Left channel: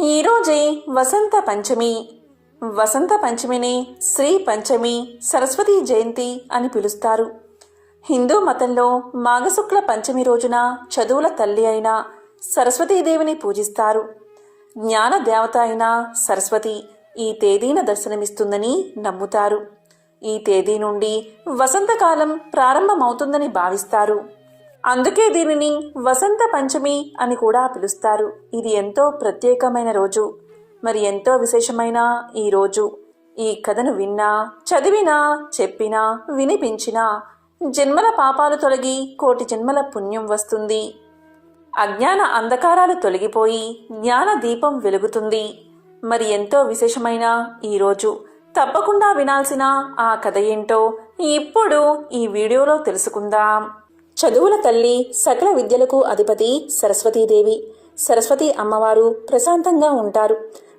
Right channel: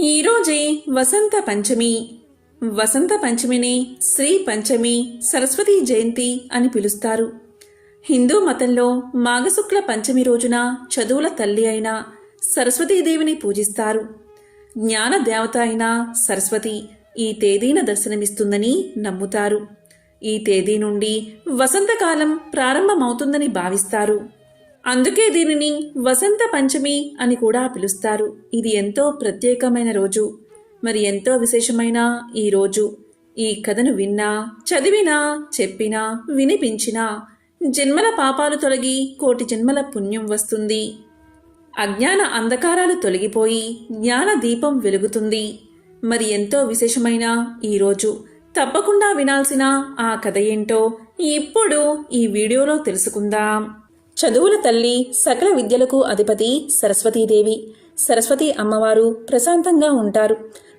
ఈరోజే వసంత పంచమి. వసంత పంచమిని శ్రీ పంచమి, సరస్వతీ జయంతి అని పిలుస్తారు. హిందూ మతంలో మాఘశుక్ల పంచమి రోజున చదువుల తల్లి అయిన సరస్వతీదేవిని పూజిస్తారు. జ్ఞాన దేవత అయిన సరస్వతి ఈ తేదీన దర్శనమిస్తుందని నమ్ముతారు. ఈ తేదీ నుండి వసంతకాలం ప్రారంభమవుతుందని భావిస్తారు. అందుకే దీనిని వసంత పంచమి అని కూడా పిలుస్తారు. ఇది ఎంతో ప్రత్యేకమైన రోజు, మరి ఎంతో విశేషమైన ఈ రోజు ఈ కథను విన్నా, చదివినా, చెప్పినా, వినిపించినా జన్మల పాపాలు తొలగి కోటి జన్మల పుణ్యం వస్తుంది. అజ్ఞాన అంధకారాలు తొలగిపోయి జ్ఞాన దీపం వెలుగుతుంది. మరి ఎంతో విశేషమైన ఈరోజు తప్పకుండా వినాల్సిన ఆ కథ ఏంటో ఇప్పుడు ఈ వీడియోలో తెలుసుకుందాం. చదువుల తల్లి, సకల విద్యలకు అధిపతి సరస్వతీదేవి. సరస్వతి అమ్మవారు ప్రశాంతంగా ఉంటారు.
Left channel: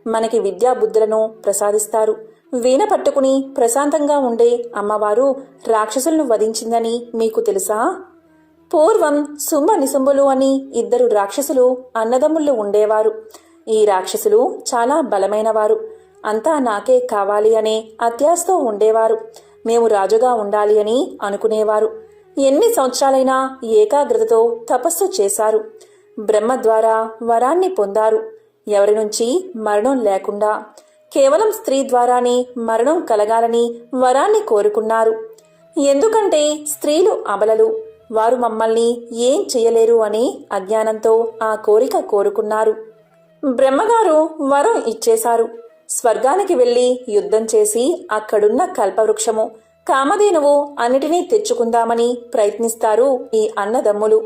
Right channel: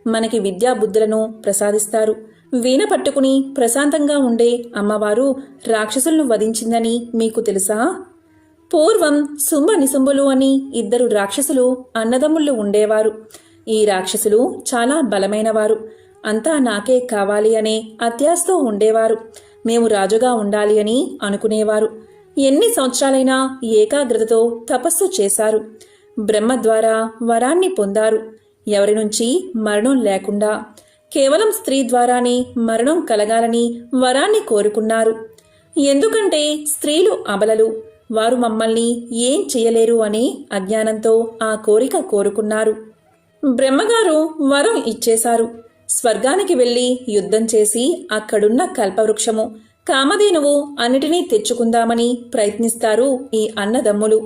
మనకి విద్యా బుద్ధులను ప్రసాదిస్తారు. వీణ పట్టుకుని ప్రశాంతంగా ఉండే అమ్మవారు రాక్షసులను వధించిందని మీకు తెలుసా? పూర్వం శుంభ నిశుంభులు అని ఇద్దరు రాక్షసులు అన్నదమ్ముళ్ళు ఉండేవారు. ఈ రాక్షసులు చాలా బలమైనవారు. అంతా నాకే కావాలి అనే అత్యాశతో ఉండేవారు. మేము రాజుగా ఉండాలి అని అనుకునేవారు. ఎన్ని సంవత్సరాలైనా ఏకాగ్రతతో తపస్సు చేశారు. బ్రహ్మ ద్వారా వరాన్ని పొందారు. ఎవరి నుంచి మరణం లేకుండా కేవలం స్త్రీ ద్వారానే మరణం కలగాలని వరాన్ని కోరుకున్నారు. ఎందుకంటే స్త్రీలు అబలలు, వారు మమ్మల్ని ఏం చేయలేరు అని అజ్ఞానంతో ఆ కోరిక కోరుకున్నారు. బ్రహ్మగారు వరం ఇచ్చేశారు. స్వర్గానికి వెళ్లి యుద్ధం చేసి అక్కడున్న కల్పవృక్షము, కామధేనువు అన్నిటినీ తెచ్చుకుందామని ప్రయత్నిస్తారు ఈ అన్నదమ్ములు.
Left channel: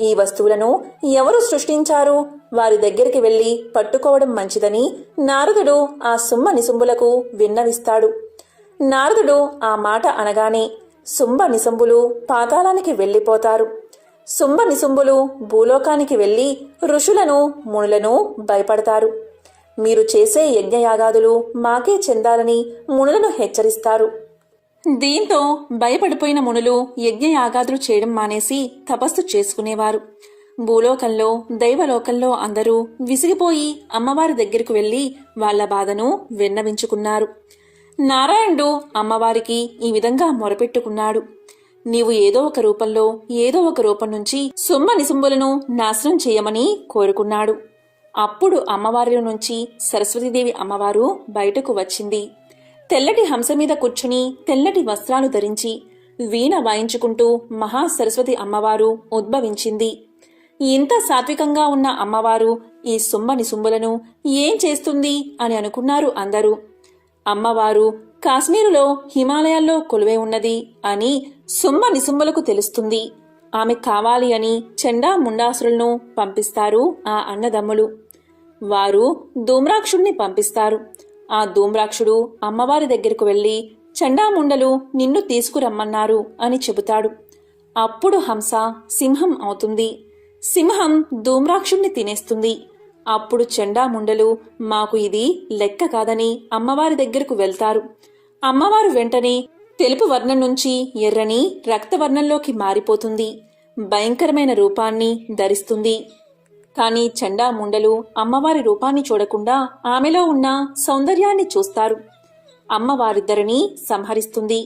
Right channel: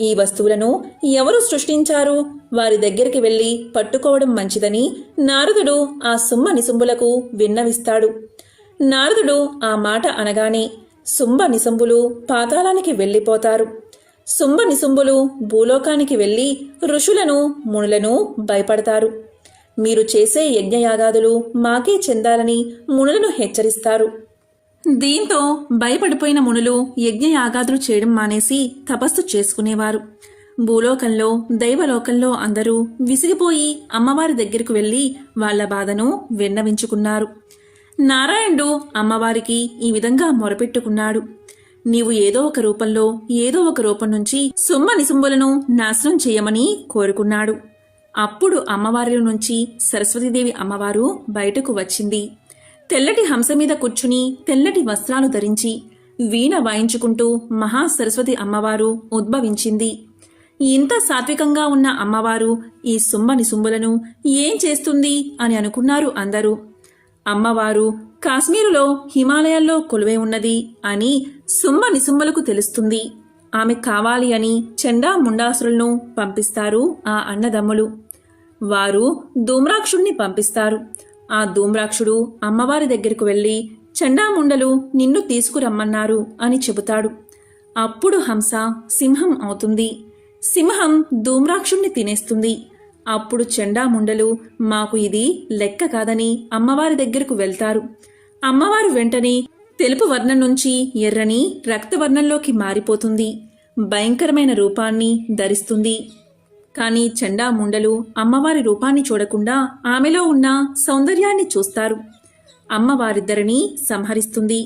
ఈ వస్తువులను ఎవరు సృష్టించారు, వారి దగ్గరికి వెళ్లి పట్టుకోవడం మంచిదని నారదుడు ఆ శుంభ నిశుంభులకు విన్నవిస్తాడు. నారదుడు ఆ మాట అనగానే శుంభ నిశుంభులు పాతాళానికి వెళ్లిపోతారు. శుంభ నిశుంభులు భూలోకానికి వెళ్లి ఋషులను, మునులను భయపడతారు. మీరు చేసే యజ్ఞయాగాదులు మాకే చెందాలని మునులను హెచ్చరిస్తారు. దీంతో భయపడిపోయిన మునులు యజ్ఞయాగాదులు చేయడం మానేసి తపస్సు చేసుకునేవారు. భూలోకంలో, దైవలోకంలో అందరూ విసిగిపోయి అమ్మవారి దగ్గరకు వెళ్లి వాళ్ల బాధను విన్నవించుకున్నారు. నారాయణుడు అమ్మవారికి ఈ విధంగా మొరపెట్టుకున్నాడు. నీవు ఏదో ఒక రూపంలో, ఏదో ఒక రూపం నుంచి శుంభ నిశుంభులను నాశనం చేయమని కోరుకున్నాడు. అప్పుడు అమ్మవారిలో నుంచి సరస్వతీదేవి అమ్మవారు బయటకు వచ్చింది. తెల్లటి హంస మీద కూర్చుని తెల్లటి వస్త్రాలు ధరించి వీణ వాయించుకుంటూ మహాసరస్వతి అమ్మవారు ఉద్భవించింది. ఇంత సాత్వికంగా ఉన్న అమ్మవారు ఈ శుంభ నిశుంభులను ఏం చేస్తుంది అని అనుకున్నారు అందరూ. అమ్మవారు కాశ్మీరులో, హిమాలయాల్లో కొలువై ఉన్నది అని శుంభ నిశుంభులకు తెలుస్తుంది. ఆమె కావాలి అని చండా ముండాసురులను పంపిస్తారు ఆ అన్నదమ్ములు. వారు ధూమ్రాక్షుణ్ణి పంపిస్తారు. ఆ ధూమ్రాక్షుడు అమ్మవారి దగ్గరకు వెళ్లి చండాముండలు నిన్ను తీసుకురమ్మన్నారు అని చెబుతాడు. అప్పుడు హంస సింహం అవుతుంది. సింహం ధూమ్రాక్షుణ్ణి తినేస్తుంది. అప్పుడు చండాముండలు మాకు ఇది లెక్క కాదని అమ్మవారి దగ్గరకు వెళ్తారు. అమ్మవారు వెంటనే తెలుపు వర్ణం నుంచి ఎర్రని రక్తవర్ణంలోకి మారిపోతుంది. భయంకరమైన రూపాన్ని ధరిస్తుంది. కాని చండాముండలు అమ్మవారి రూపాన్ని చూడకుండా ఆమెలో ఉన్న సౌందర్యాన్ని చూస్తారు. అమ్మవారిద్దరినీ సంహరిస్తుంది.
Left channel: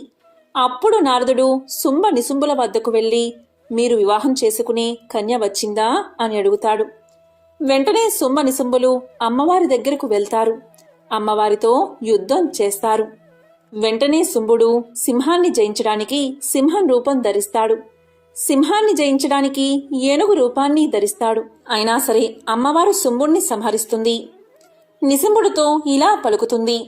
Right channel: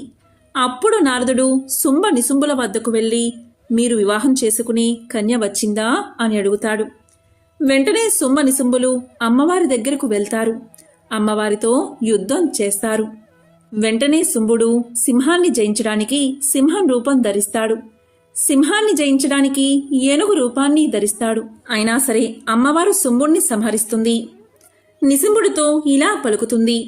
అప్పుడు నారదుడు శుంభ నిశుంభుల వద్దకు వెళ్లి మీరు వివాహం చేసుకునే కన్య వచ్చిందా అని అడుగుతాడు. వెంటనే శుంభ నిశుంభులు అమ్మవారి దగ్గరకు వెళ్తారు. అమ్మవారితో యుద్ధం చేస్తారు. వెంటనే శుంభుడు సింహాన్ని జయించడానికి సింహం రూపం ధరిస్తాడు. సింహాన్ని జయించడానికి ఏనుగు రూపాన్ని ధరిస్తాడు. అయినా సరే అమ్మవారు శుంభుణ్ణి సంహరిస్తుంది. నిశుంభుడితో ఇలా పలుకుతుంది,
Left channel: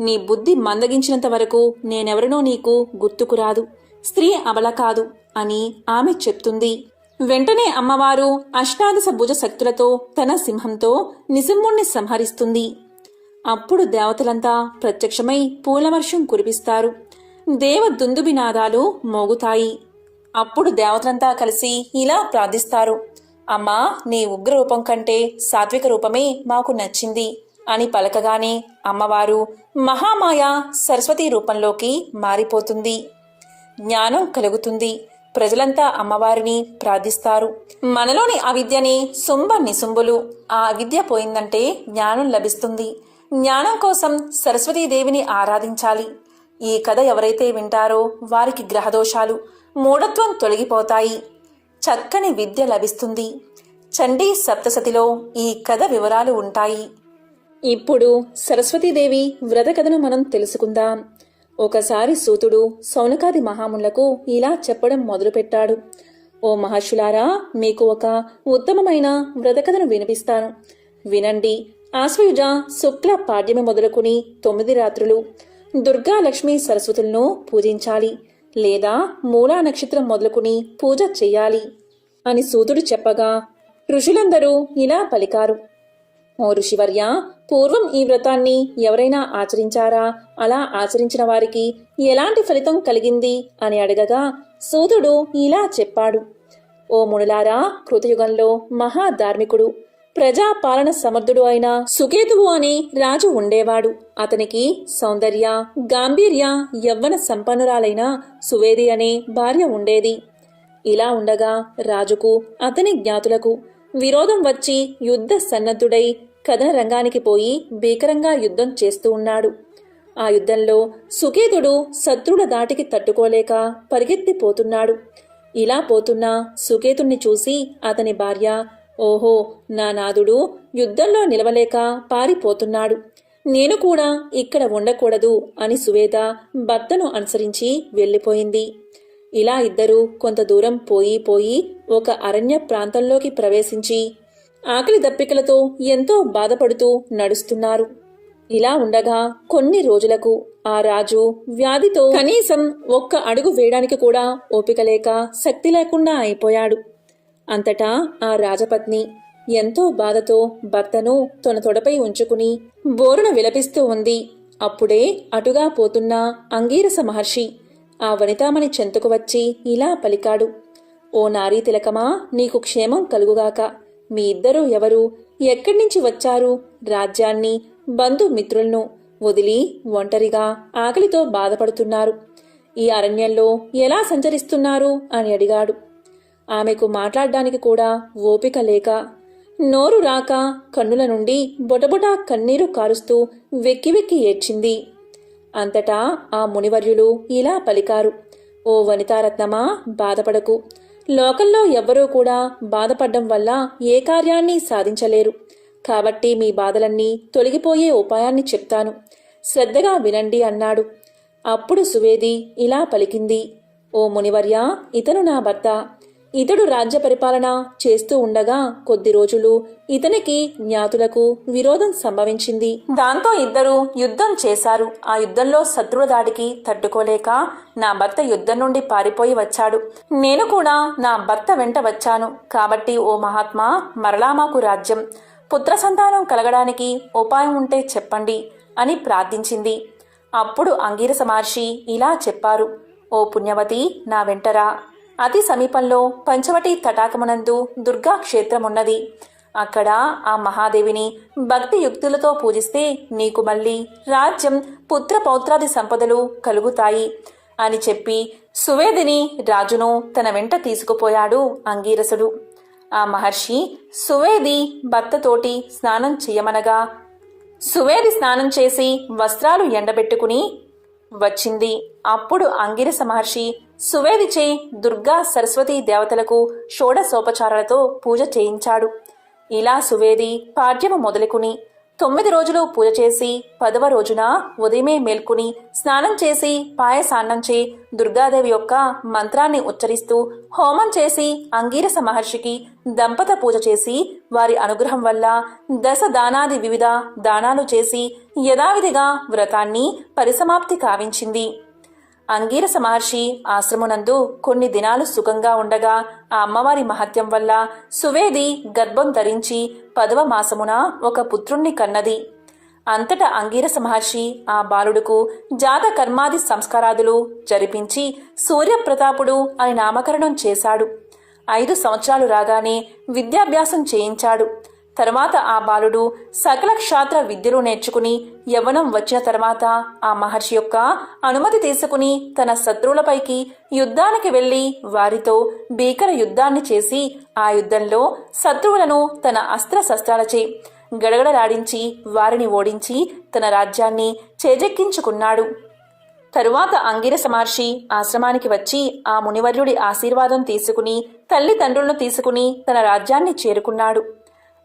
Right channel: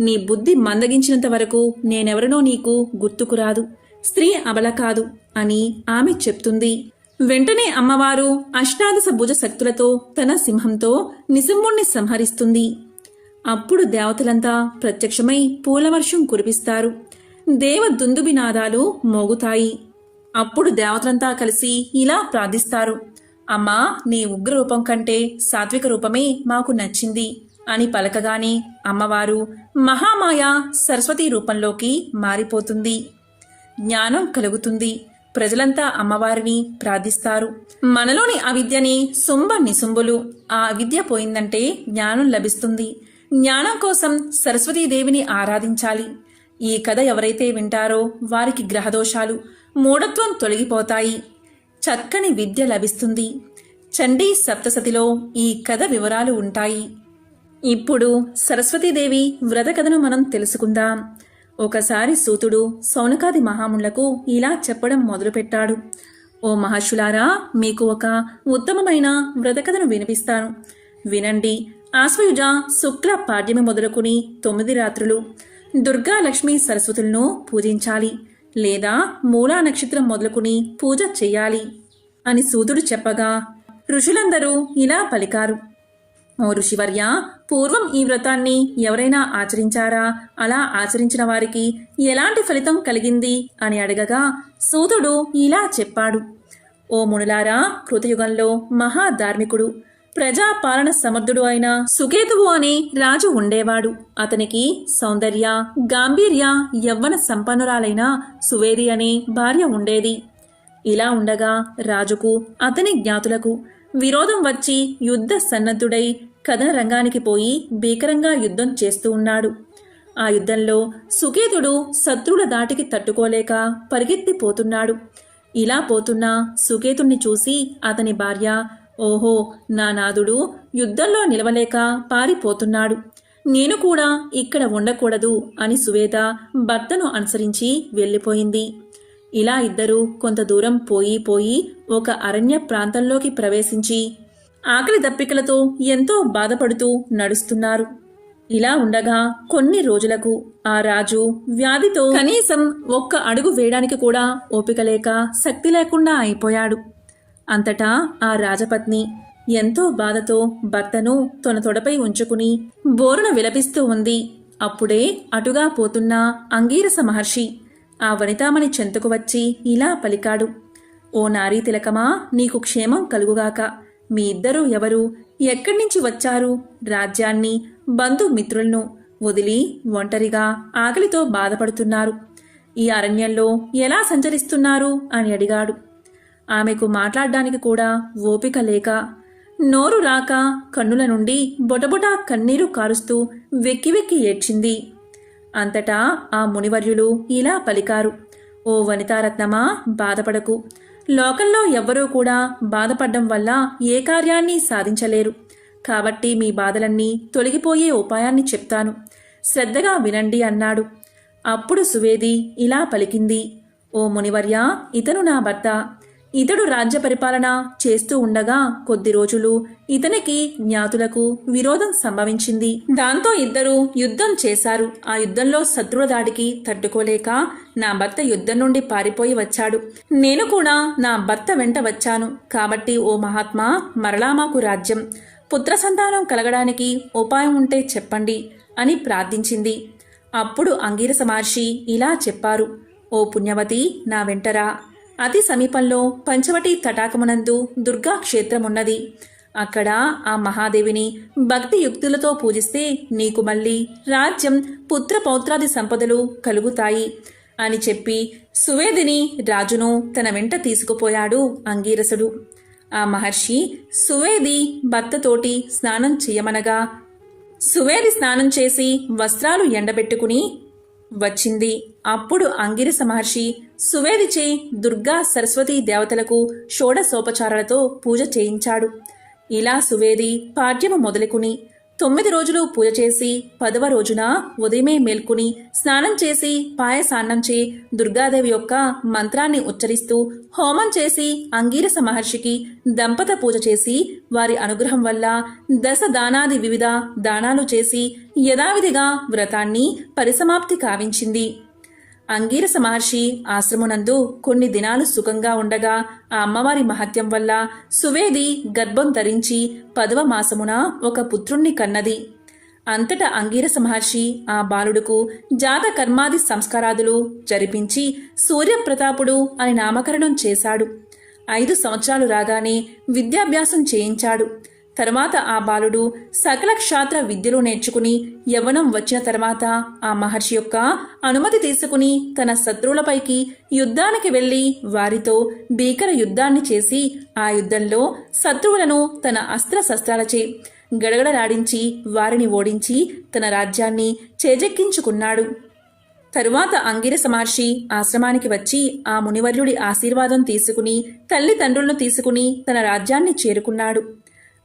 నీ బుద్ధి మందగించినంత వరకు నేనెవరనో నీకు గుర్తుకురాదు. స్త్రీ అబల కాదు అని ఆమె చెప్తుంది. వెంటనే అమ్మవారు అష్టాదశ భుజ శక్తులతో తన సింహంతో నిశుంభుణ్ణి సంహరిస్తుంది. అప్పుడు దేవతలంతా ప్రత్యక్షమై పూలవర్షం కురిపిస్తారు. దేవ దుందుబినాదాలు మోగుతాయి. అప్పుడు దేవతలంతా కలిసి ఇలా ప్రార్థిస్తారు, అమ్మా, నీ ఉగ్ర రూపం కంటే సాత్విక రూపమే మాకు నచ్చింది అని పలకగానే అమ్మవారు మహామాయ సరస్వతి రూపంలోకి మారిపోతుంది. జ్ఞానం కలుగుతుంది. ప్రజలంతా అమ్మవారిని ప్రార్థిస్తారు. మనలోని అవిద్యని నిసుంబులు. ఆ అవిద్య పోయిందంటే జ్ఞానం లభిస్తుంది. జ్ఞానం కోసం సరస్వతీదేవిని ఆరాధించాలి. ఈ కథ ఎవరైతే వింటారో వారికి గ్రహదోషాలు, మూఢత్వం తొలగిపోతాయి. చక్కని విద్య లభిస్తుంది. చండీ సప్తసతిలో ఈ కథ వివరాలు ఉంటాయి. ఇప్పుడు సరస్వతీదేవి వ్రత కథను మనం తెలుసుకుందాం. ఒకసారి సూతుడు సౌనకాది మహామునులకు ఇలా చెప్పడం మొదలుపెట్టాడు. ఓ మహర్షులారా, మీకు ఒక ఉత్తమమైన వ్రత కథను వినిపిస్తాను. వినండి. ఆశ్వయుజ శుక్ల పాడ్యమి మొదలుకుని 9 రాత్రులు దుర్గా లక్ష్మీ సరస్వతులను పూజించాలి, లేదా మూలా నక్షత్రం మొదలుకుని పూజ చెయ్యాలి అని సూతుడు చెప్పగా ఋషులందరూ ఇలా పలికారు. ఓ ఋషివర్య, పూర్వం ఈ వ్రతాన్ని ఎవరైనా ఆచరించారా? అలా ఆచరించిన వారికి ఎలాంటి ఫలితం కలిగింది అని అడగగా సూతుడు ఇలా చెప్పాడు. ఓ మునులారా, కృతయుగంలో మహాధార్మికుడు, ప్రజాపాలన సమర్థుడు అయిన సుకేతువు అనే రాజు ఉండేవాడు. అతనికి సౌందర్య, గాంభీర్య, యవ్వన సంపన్నురాలైన సువేది అనే భార్య ఉండేది. ఇలా ఉండగా రాజుకు అతని జ్ఞాతులకు విరోధం వచ్చి యుద్ధ సన్నద్ధుడై కథన రంగానికి పోయి భీకరంగా యుద్ధం చేస్తూ ఉన్నాడు. ఆ యుద్ధంలో సుకేతుడు శత్రువుల దాటికి తట్టుకోలేక పరిగెత్తిపోతున్నాడు. ఇలా పోతున్న సుకేతుణ్ణి చూసి అతని భార్య, ఓహో, నా నాదుడు యుద్ధంలో నిలవలేక పారిపోతున్నాడు, నేను కూడా ఇక్కడ ఉండకూడదు అని సువేద భర్తను అనుసరించి వెళ్ళిపోయింది. ఇలా ఇద్దరూ కొంత దూరం పోయి ఒక అరణ్య ప్రాంతంలోకి ప్రవేశించి ఆకలి దప్పికలతో ఎంతో బాధపడుతూ నడుస్తున్నారు. ఇలా ఉండగా కొన్ని రోజులకు ఆ రాజు వ్యాధితో కనీసం ఒక్క అడుగు వేయడానికి కూడా ఓపిక లేక శక్తి లేకుండా అయిపోయాడు. అంతటా ఆ రాజపత్ని ఎంతో బాధతో భర్తను తన తొడపై ఉంచుకుని బోరున విలపిస్తూ ఉంది. అప్పుడే అటుగా పోతున్న అంగీరస మహర్షి ఆ వనితామణి చెంతకు వచ్చి ఇలా పలికాడు. ఓ నారీ తిలకమా, నీకు క్షేమం కలుగుగాక. మీ ఇద్దరూ ఎవరు? ఎక్కడి నుంచి వచ్చారు? రాజ్యాన్ని, బంధుమిత్రులను వదిలి ఒంటరిగా ఆకలితో బాధపడుతున్నారు. ఈ అరణ్యంలో ఎలా సంచరిస్తున్నారు అని అడిగాడు. ఆమెకు మాట్లాడడానికి కూడా ఓపిక లేక, నోరు రాక కన్నుల నుండి బొటబొట కన్నీరు కారుస్తూ వెక్కి ఏడ్చింది. అంతటా ఆ మునివర్యులు ఇలా పలికారు. ఓ వనితారత్నమా, బాధపడకు. లోకంలో ఎవ్వరూ కూడా బాధపడ్డం వల్ల ఏ కార్యాన్ని సాధించలేరు. కాబట్టి మీ బాధలన్నీ తొలగిపోయే ఉపాయాన్ని చెప్తాను, శ్రద్ధగా వినండి అన్నాడు. అప్పుడు సువేది ఇలా పలికింది. ఓ మునివర్య, ఇతను నా భర్త. ఇతడు రాజ్య పరిపాలన చేస్తూ ఉండగా కొద్ది రోజులు ఇతనికి జ్ఞాతులకు విరోధం సంభవించింది. దాంతో ఇద్దరు యుద్ధం చేశారు. ఆ యుద్ధంలో శత్రువుల దాడికి తట్టుకోలేక నా భర్త యుద్ధం నుండి పారిపోయి వచ్చాడు. నేను కూడా నా భర్త వెంట వచ్చాను. కాబట్టి ఓ మహాత్మా, మరలా మాకు రాజ్యం, పుత్ర సంతానం కలగడానికి ఉపాయం ఉంటే చెప్పండి అని ప్రార్థించింది. అప్పుడు అంగీరస మహర్షి ఇలా చెప్పారు. ఓ పుణ్యవతి, నా వెంటరా. అతి సమీపంలో పంచవటి తటాకమునందు దుర్గా క్షేత్రమున్నది. అక్కడ ఆ మహాదేవిని భక్తి యుక్తులతో పూజిస్తే నీకు మళ్ళీ రాజ్యం, పుత్ర పౌత్రాది సంపదలు కలుగుతాయి అని చెప్పి సువేదిని, రాజును తన వెంట తీసుకుపోయాడు అంగీరసుడు. ఆ మహర్షి సువేది భర్తతోటి స్నానం చెయ్యమనగా సువేది స్నానం చేసి వస్త్రాలు ఎండబెట్టుకుని వచ్చింది. అప్పుడు అంగిరస మహర్షి సువేదిచే దుర్గా సరస్వతీ దేవతలకు షోడశోపచారాలతో పూజ చేయించాడు. ఇలా సువేది పాడ్యము మొదలుకుని 9 రోజులు పూజ చేసి 10వ రోజున ఉదయమే మేల్కొని స్నానం చేసి పాయసాన్నంచే దుర్గాదేవి యొక్క మంత్రాన్ని ఉచ్చరిస్తూ హోమం చేసి అంగీరస మహర్షికి దంపత పూజ చేసి వారి అనుగ్రహం వల్ల దశ దానాది వివిధ దానాలు చేసి యథావిధిగా వ్రతాన్ని పరిసమాప్తి కావించింది. అంగీరస మహర్షి ఆశ్రమునందు కొన్ని దినాలు సుఖంగా ఉండగా ఆ అమ్మవారి మహత్యం వల్ల సువేది గర్భం ధరించి 10వ మాసమున ఒక పుత్రుణ్ణి కన్నది. అంతటా అంగీరస మహర్షి ఆ బాలుడుకు జాత కర్మాది సంస్కారాదులు జరిపించి సూర్యప్రతాపుడు అని నామకరణం చేశాడు. 5 సంవత్సరాలు రాగానే విద్యాభ్యాసం చేయించాడు. తరువాత ఆ బాలుడు సకల క్షాత్ర విద్యలు నేర్చుకుని యవ్వనం వచ్చిన తర్వాత ఆ మహర్షి యొక్క అనుమతి తీసుకుని తన శత్రువులపైకి యుద్ధానికి వెళ్లి వారితో భీకర యుద్ధాన్ని చేసి ఆ యుద్ధంలో శత్రువులను తన అస్త్రశస్త్రాలచే గడగడలాడించి వారిని ఓడించి తన రాజ్యాన్ని చేజెక్కించుకున్నాడు. తరువాత అంగిరస మహర్షి ఆశ్రమానికి వచ్చి ఆ మునివర్యుడి ఆశీర్వాదం తీసుకుని తల్లిదండ్రులను తీసుకుని తన రాజ్యాన్ని చేరుకున్నాడు.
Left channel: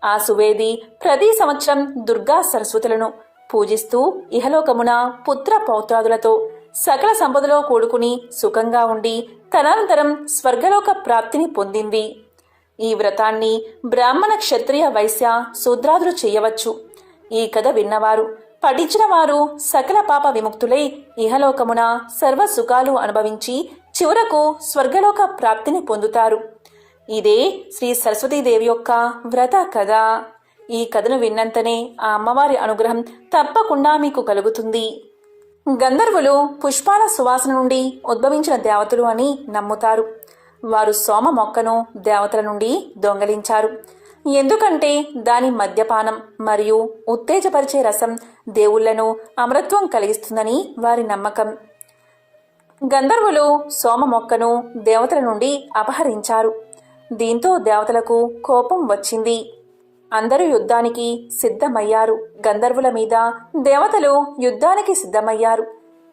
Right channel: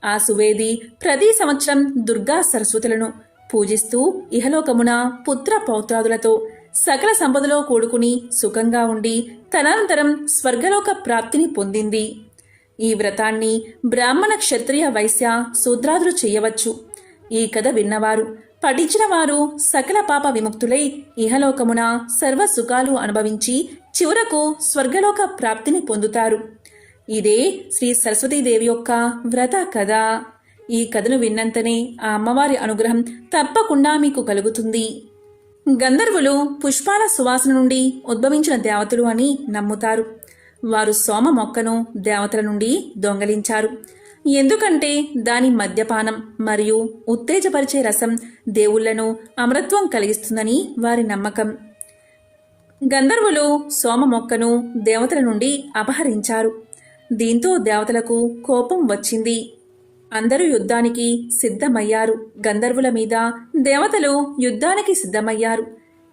ఆ సువేది ప్రతి సంవత్సరం దుర్గా సరస్వతులను పూజిస్తూ ఇహలోకమున పుత్ర పౌత్రాదులతో సకల సంపదలో కూడుకుని సుఖంగా ఉండి తదనంతరం స్వర్గలోక ప్రాప్తిని పొందింది. ఈ వ్రతాన్ని బ్రాహ్మణ, క్షత్రియ, వైశ్య, శూద్రాదులు చేయవచ్చు. ఈ కథ విన్నవారు పఠించిన వారు సకల పాప విముక్తులై ఇహలోకమున సర్వ సుఖాలు అనుభవించి చివరకు స్వర్గలోక ప్రాప్తిని పొందుతారు. ఇదే శ్రీ సరస్వతీదేవి యొక్క వ్రత కథ. ఈ కథను విన్నంతనే ఆ అమ్మవారి అనుగ్రహం తప్పకుండా మీకు కలుగుతుంది. గంధర్వులు పుష్పాల సువాసన నుండి ఉద్భవించిన దేవతలు అని నమ్ముతారు. వారు సోమ మొక్కను దేవతల నుండి దొంగలించారు. ఎందుకంటే దాని మద్యపానం మరియు ఉత్తేజపరిచే రసం దేవుళ్లను అమరత్వం కలిగిస్తుందని వారి నమ్మకం. గంధర్వులు సోమ మొక్కను దేవతల నుండి అపహరించారు. దీంతో దేవతలకు కోపం వచ్చింది. అందరూ యుద్ధానికి సిద్ధమయ్యారు. గంధర్వుల మీద దేవతలు యుద్ధానికి సిద్ధమయ్యారు.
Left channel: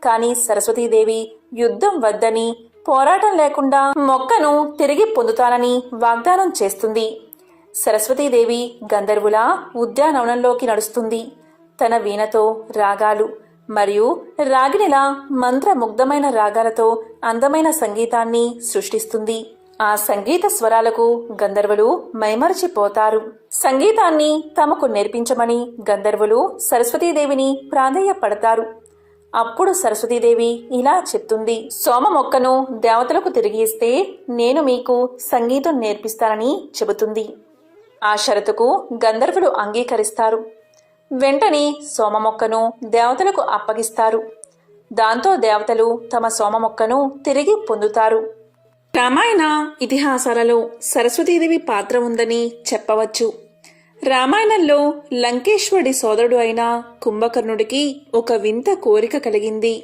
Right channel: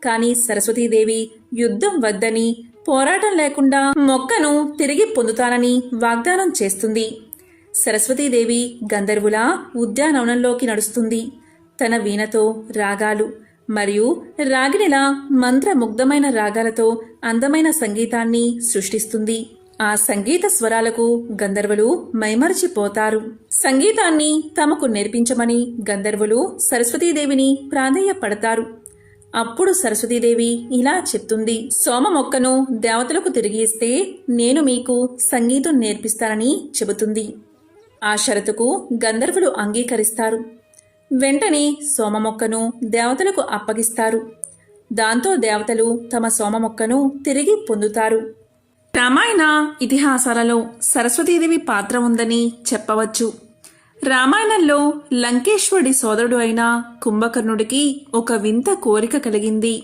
కానీ సరస్వతీదేవి యుద్ధం వద్దని, పోరాటం లేకుండా మొక్కను తిరిగి పొందుతానని వాగ్దానం చేస్తుంది. సరస్వతీదేవి గంధర్వుల ఉద్యానవనంలోకి నడుస్తుంది. తన వీణతో రాగాలు మరియు రాగిణిలా మంత్రముగ్ధమైన రాగాలతో అందమైన సంగీతాన్ని సృష్టిస్తుంది. ఆ సంగీత స్వరాలకు గంధర్వులు మైమరచిపోతారు. సంగీతాన్ని తమకు నేర్పించమని గంధర్వులు సరస్వతీదేవిని ప్రాధేయపడతారు. అప్పుడు సరస్వతీదేవి ఇలా చెప్తుంది: సోమ మొక్కను దేవతలకు తిరిగి ఇస్తే నేను మీకు సంగీతం నేర్పిస్తానని చెబుతుంది. ఆ షరతుకు గంధర్వులు అంగీకరిస్తారు. వెంటనే సోమ మొక్కను దేవతలకు అప్పగిస్తారు. దాంతో దేవతలు తమ సోమ మొక్కను తిరిగి పొందుతారు. రామాయణ ఇతిహాసాలలో సరస్వతీదేవి పాత్ర ఉందని చెప్పవచ్చు. రామాయణంలో లంకేశ్వరుడి సోదరుడు అయిన కుంభకర్ణుడికి ఒక వింత కోరిక కలిగింది.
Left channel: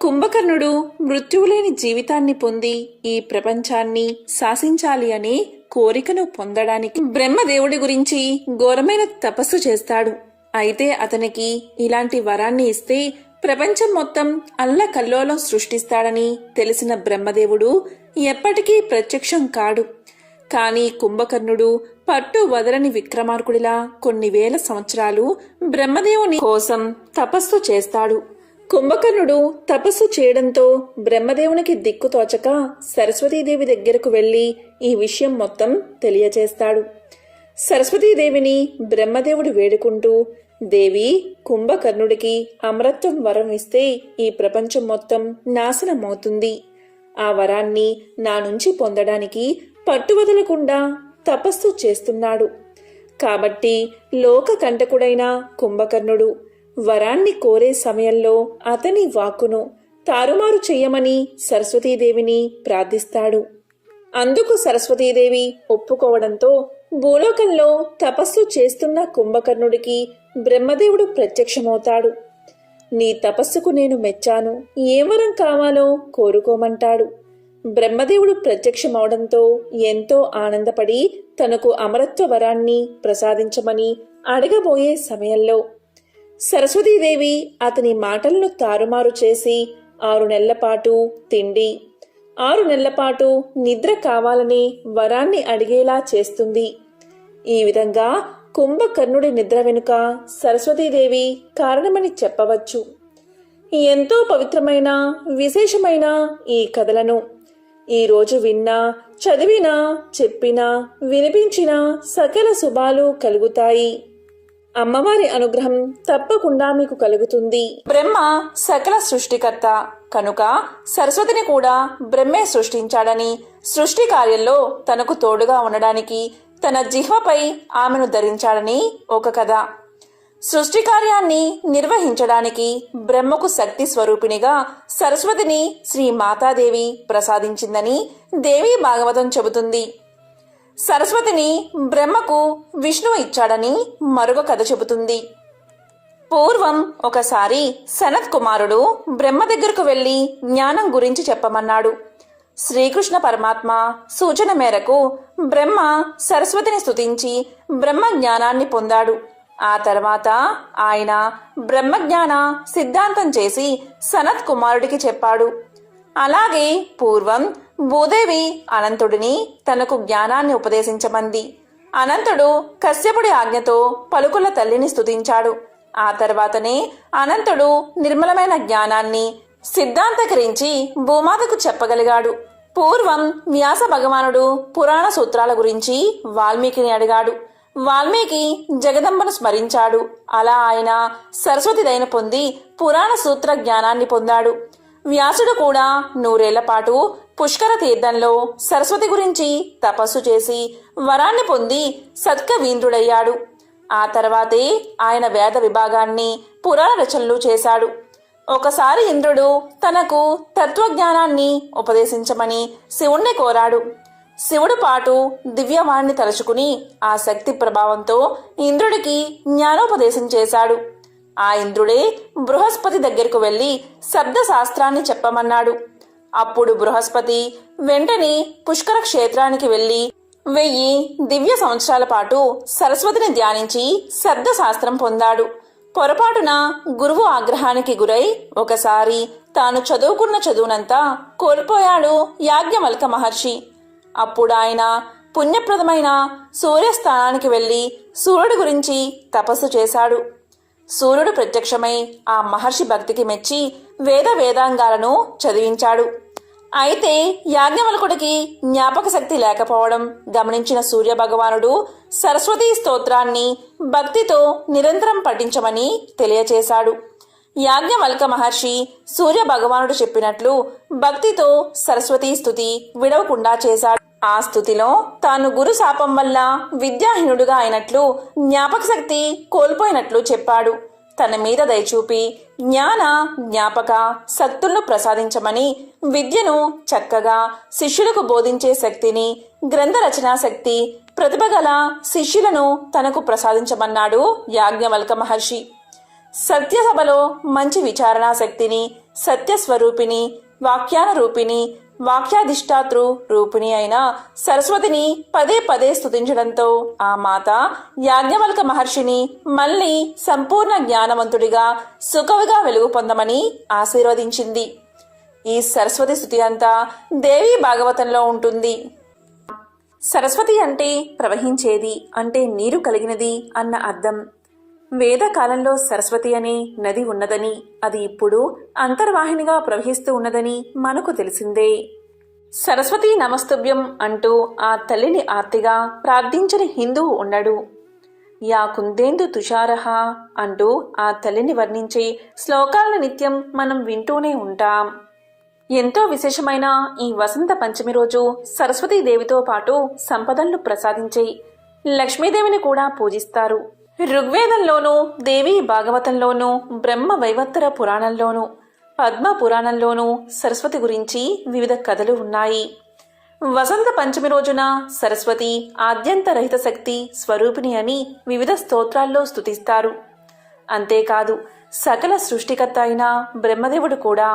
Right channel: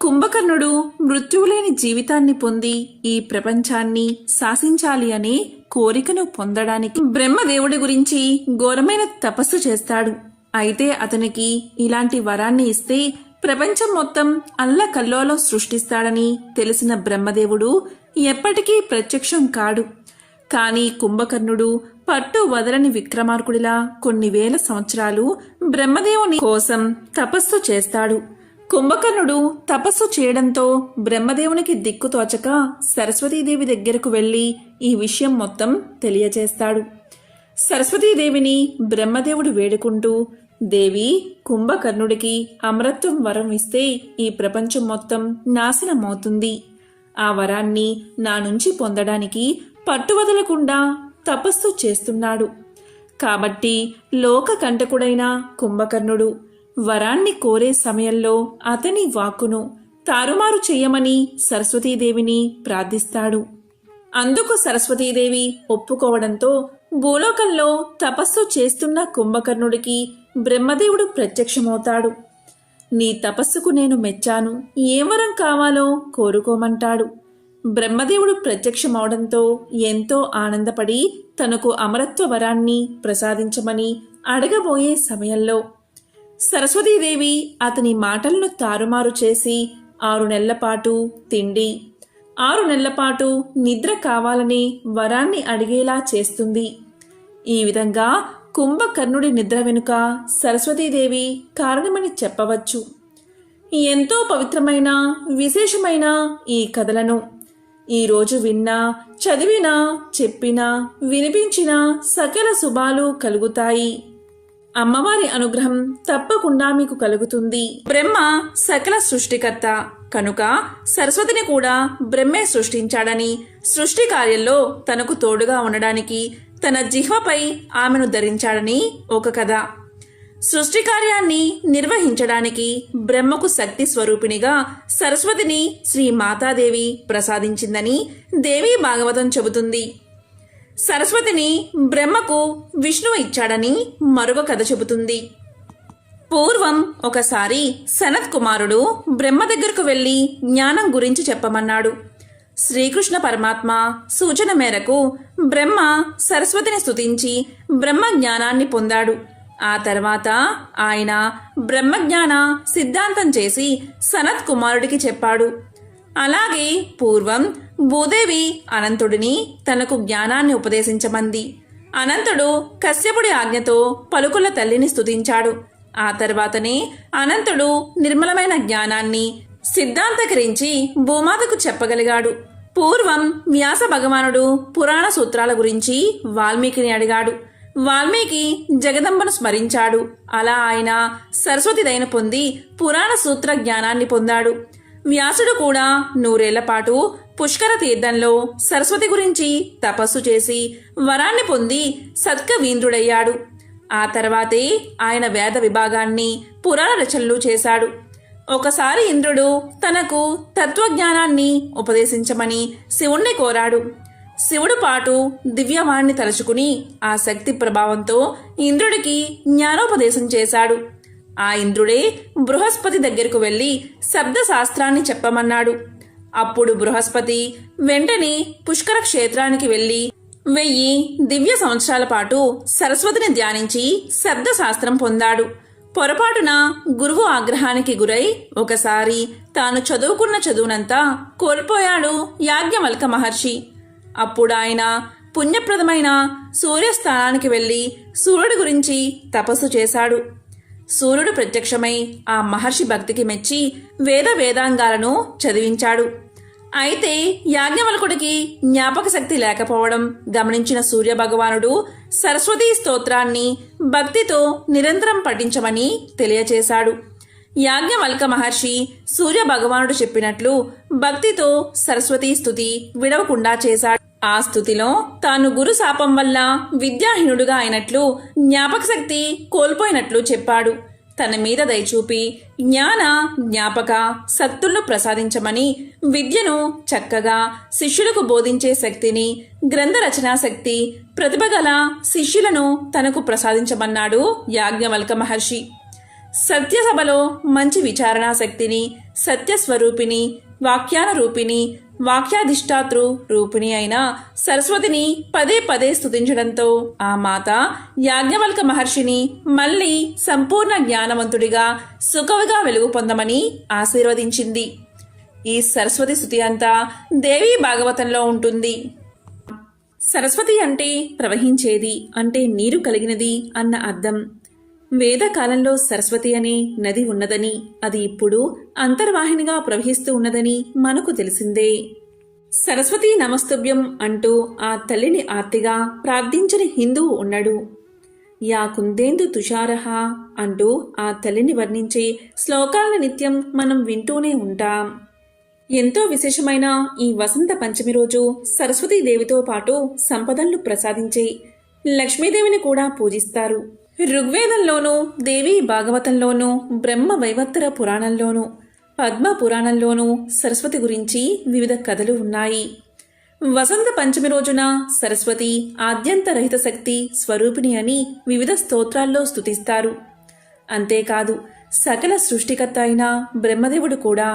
కుంభకర్ణుడు మృత్యువులేని జీవితాన్ని పొంది ఈ ప్రపంచాన్ని శాసించాలి అనే కోరికను పొందడానికి బ్రహ్మదేవుడి గురించి ఘోరమైన తపస్సు చేస్తాడు. అయితే అతనికి ఇలాంటి వరాన్ని ఇస్తే ప్రపంచం మొత్తం అల్లకల్లోలం సృష్టిస్తాడని తెలిసిన బ్రహ్మదేవుడు ఎప్పటికీ ప్రత్యక్షం కాడు. కానీ కుంభకర్ణుడు పట్టు వదలని విక్రమార్కుడిలా కొన్ని వేల సంవత్సరాలు బ్రహ్మదేవుని కోసం తపస్సు చేస్తాడు. కుంభకర్ణుడు తపస్సు చేయడంతో బ్రహ్మదేవునికి దిక్కుతోచక సరస్వతీదేవి దగ్గరకు వెళ్లి ఈ విషయం మొత్తం తెలియజేస్తాడు. సరస్వతీదేవిని బ్రహ్మదేవుడు వేడుకుంటూ, దేవి, కుంభకర్ణుడికి అమరత్వం వరం ఇస్తే ఈ ప్రపంచం మొత్తం నాశనమవుతుంది. ఆ వరాన్ని నా నుంచి పొందడానికి పట్టువదలకుండా తపస్సు చేస్తున్నాడు. కాబట్టి లోకకంటకుడైన కుంభకర్ణుడు వరాన్ని కోరే సమయంలో అతని వాక్కును తారుమారు చెయ్యమని సరస్వతీదేవిని ప్రార్థిస్తాడు. అందుకు సరస్వతీదేవి ఒప్పుకోవడంతో భూలోకంలో తపస్సు చేస్తున్న కుంభకర్ణుడికి బ్రహ్మదేవుడు ప్రత్యక్షమవుతాడు. నీ తపస్సుకు నేను మెచ్చాను, ఏ వరం కావాలో కోరుకోమంటాడు. బ్రహ్మదేవుడు ప్రత్యక్షమవడంతో ఎంతో ఆనందపడి తనకు అమరత్వ వరాన్ని ప్రసాదించమని అడగబోయే సమయంలో సరస్వతీదేవి అతని మాటలను తారుమారు చేసి 6 నెలల పాటు తిండి, 6 నెలల పాటు నిద్ర కావాలని వరాన్ని అడిగేలా చేస్తుంది. ఈ విధంగా కుంభకర్ణుడి నిద్ర వెనుక సరస్వతీదేవి కారణమని చెప్పవచ్చు. ఎంతో పవిత్రమైన విశేషమైన ఈ కథలను ఈరోజు విన్నా, చదివినా, చెప్పినా, వినిపించినా సకల శుభాలు కలుగుతాయి. అమ్మవారి అనుగ్రహం తప్పకుండా మీకు కలుగుతుంది. బ్రహ్మ సకల సృష్టికర్త కనుక సరస్వతిని కూడా బ్రహ్మే సృష్టించాడని, సృష్టి కార్యంలో తనకు తోడుగా ఉండడానికి తన జిహ్వపై ఆమెను ధరించాడని ఒక కథ. సృష్టి కార్యాన్ని నిర్వహించడానికి బ్రహ్మకు శక్తి స్వరూపిణిగా సరస్వతిని శ్రీ మాతాదేవి ప్రసాదించిందని దేవీ భాగవతం చెబుతుంది. సరస్వతిని బ్రహ్మకు విష్ణువు ఇచ్చాడని మరొక కథ చెబుతుంది. పూర్వం ఒకసారి సనత్ కుమారుడు బ్రహ్మ దగ్గరకు వెళ్లి జ్ఞానం గురించి చెప్పమన్నాడు. శ్రీకృష్ణ పరమాత్మ సూచన మేరకు బ్రహ్మ సరస్వతిని స్తుతించి బ్రహ్మ జ్ఞానాన్ని పొందాడు. ఆ తర్వాత ఆయన బ్రహ్మజ్ఞాన సిద్ధాంతం చేసి సనత్ కుమారుడికి చెప్పాడు. అలాగే పూర్వం భూదేవి అనంతుడిని తనకు జ్ఞానాన్ని ఉపదేశించమంది. అనంతుడు కశ్యపుడి ఆజ్ఞతో పలుకుల తల్లిని స్తుతించాడు. ఆ తర్వాతనే అనంతుడు నిర్మలమైన జ్ఞానాన్ని సిద్ధాంతకరించి భూమాతకు చెప్పగలిగాడు. పూర్వం వ్యాస భగవానుడు పురాణ సూత్రాల గురించి వాల్మీకిని అడిగాడు. వాల్మీకి జగదంబను స్మరించాడు. అలా ఆయన సరస్వతి దయను పొంది పురాణ సూత్ర జ్ఞానాన్ని పొందాడు. వ్యాసుడు కూడా 100 ఏళ్ల పాటు పుష్కర తీర్థంలో సరస్వతి గురించి తపస్సు చేసి వరాన్ని పొంది సత్కవీంద్రుడయ్యాడు. ఆ తర్వాతే ఆయన వేద విభాగాన్ని పురాణ రచనలు చేశాడు. ఒకసారి ఇంద్రుడు తనకు తత్వజ్ఞానాన్ని ఉపదేశించమని శివుణ్ణి కోరాడు. శివుడు పాటు దివ్యవాణ్ణి తలుచుకుని ఆ శక్తి ప్రభావంతో ఇంద్రుడికి జ్ఞానోపదేశం చేశాడు. ఆ ఇంద్రుడే బృహస్పతి దగ్గరకు వెళ్లి శబ్ద శాస్త్రాన్ని చెప్పమన్నాడు. అప్పుడు బృహస్పతి వెంటనే పుష్కర క్షేత్రానికి వెళ్లి 1000 దివ్య సంవత్సరాల పాటు సరస్వతిని ధ్యానించి శబ్ద శాస్త్రం పొందాడు. పొరపాటున గురువు ఆగ్రహానికి గురై ఒకసారి తాను చదువుకున్న చదువునంతా కోల్పోయాడు యాజ్ఞవల్క మహర్షి. అప్పుడు ఆయన పుణ్యప్రదమైన సూర్యస్థానానికి వెళ్లి సూర్యుడి గురించి తపస్సు చేశాడు. సూర్యుడు ప్రత్యక్షమై ఆ మహర్షి భక్తికి మెచ్చి వేదాంగాలను చదివించాడు. అయితే యాజ్ఞవల్కుడికి జ్ఞాపక శక్తి లేకపోవడం గమనించిన సూర్య భగవానుడు సరస్వతీ స్తోత్రాన్ని భక్తితో నిరంతరం పఠించమని తెలియచేశాడు. యాజ్ఞవల్క మహర్షి సూర్య భగవానుడు చెప్పినట్లు భక్తితో సరస్వతీ స్తుతి విడవకుండా చేశాడు. ఆ స్తుతిలో తాను గురు శాపం వల్ల విద్యాహీనుడుగా అయినట్లు జ్ఞాపక శక్తి కోల్పోయినట్లు చెప్పాడు. తన మీద దయచూపి జ్ఞాపక శక్తులను ప్రసాదించమని విద్యను చక్కగా శిష్యులకు బోధించే శక్తిని, గ్రంథ రచనా శక్తి, ప్రతిభగల శిష్యులను తనకు ప్రసాదించమన్నాడు యాజ్ఞవల్క మహర్షి. సత్యసభలో మంచి విచారణా శక్తిని, సత్యస్వరూపిణి, వాక్యానురూపిణి, వాక్యాధిష్టాతృ రూపిణి అయిన సరస్వతిని పదే పదే స్తుతించడంతో ఆ మాత యాజ్ఞవల్క మహర్షిని మళ్లీ సంపూర్ణ జ్ఞానవంతుడిగా సుఖవిగా వెలుగు పొందమని ఆశీర్వదించింది. ఈ సరస్వతి స్తుతి అంతా దేవీ భాగవతంలో ఉంటుంది. సరస్వతి అంటే ప్రవహించేది, అంటే నీరు కలిగినది అన్న అర్థం. వేదకాలంలో సరస్వతి అనే నది ఉన్నదని, అది ఇప్పుడు అంతర్వాహినిగా ప్రవహిస్తూ ఉన్నదని మనకు తెలిసిందే. సరస్వతీ నమస్తుభ్యం అంటూ ఆ తల్లిని ఆర్తిగా ప్రార్థించని హిందువు ఉండడు. యా కుందేందు తుషారహ అంటూ ఆ తల్లిని వర్ణించే శ్లోకాలను నిత్యం మనం వింటూనే ఉంటాం. ఎంతో విశేషమైన ఈ వసంత పంచమి రోజు సరస్వతీదేవితో పాటు సంపదలను ప్రసాదించే లక్ష్మీదేవిని కూడా పూజిస్తారు. ఋగ్వేదంలోనూ, దేవీ భాగవతంలోనూ, బ్రహ్మ వైవత్తర పురాణంలోనూ, పద్మ పురాణంలోనూ సరస్వతి గురించి వివిధ కథలు ఉన్నాయి. వసంత పంచమి రోజున సరస్వతి ఆద్యంతరహిత శక్తి స్వరూపిణి అని వివిధ స్తోత్రాల్లో స్తుతిస్తారు. అంతేకాదు సకల సృష్టికర్త అయిన బ్రహ్మదేవుడు కూడా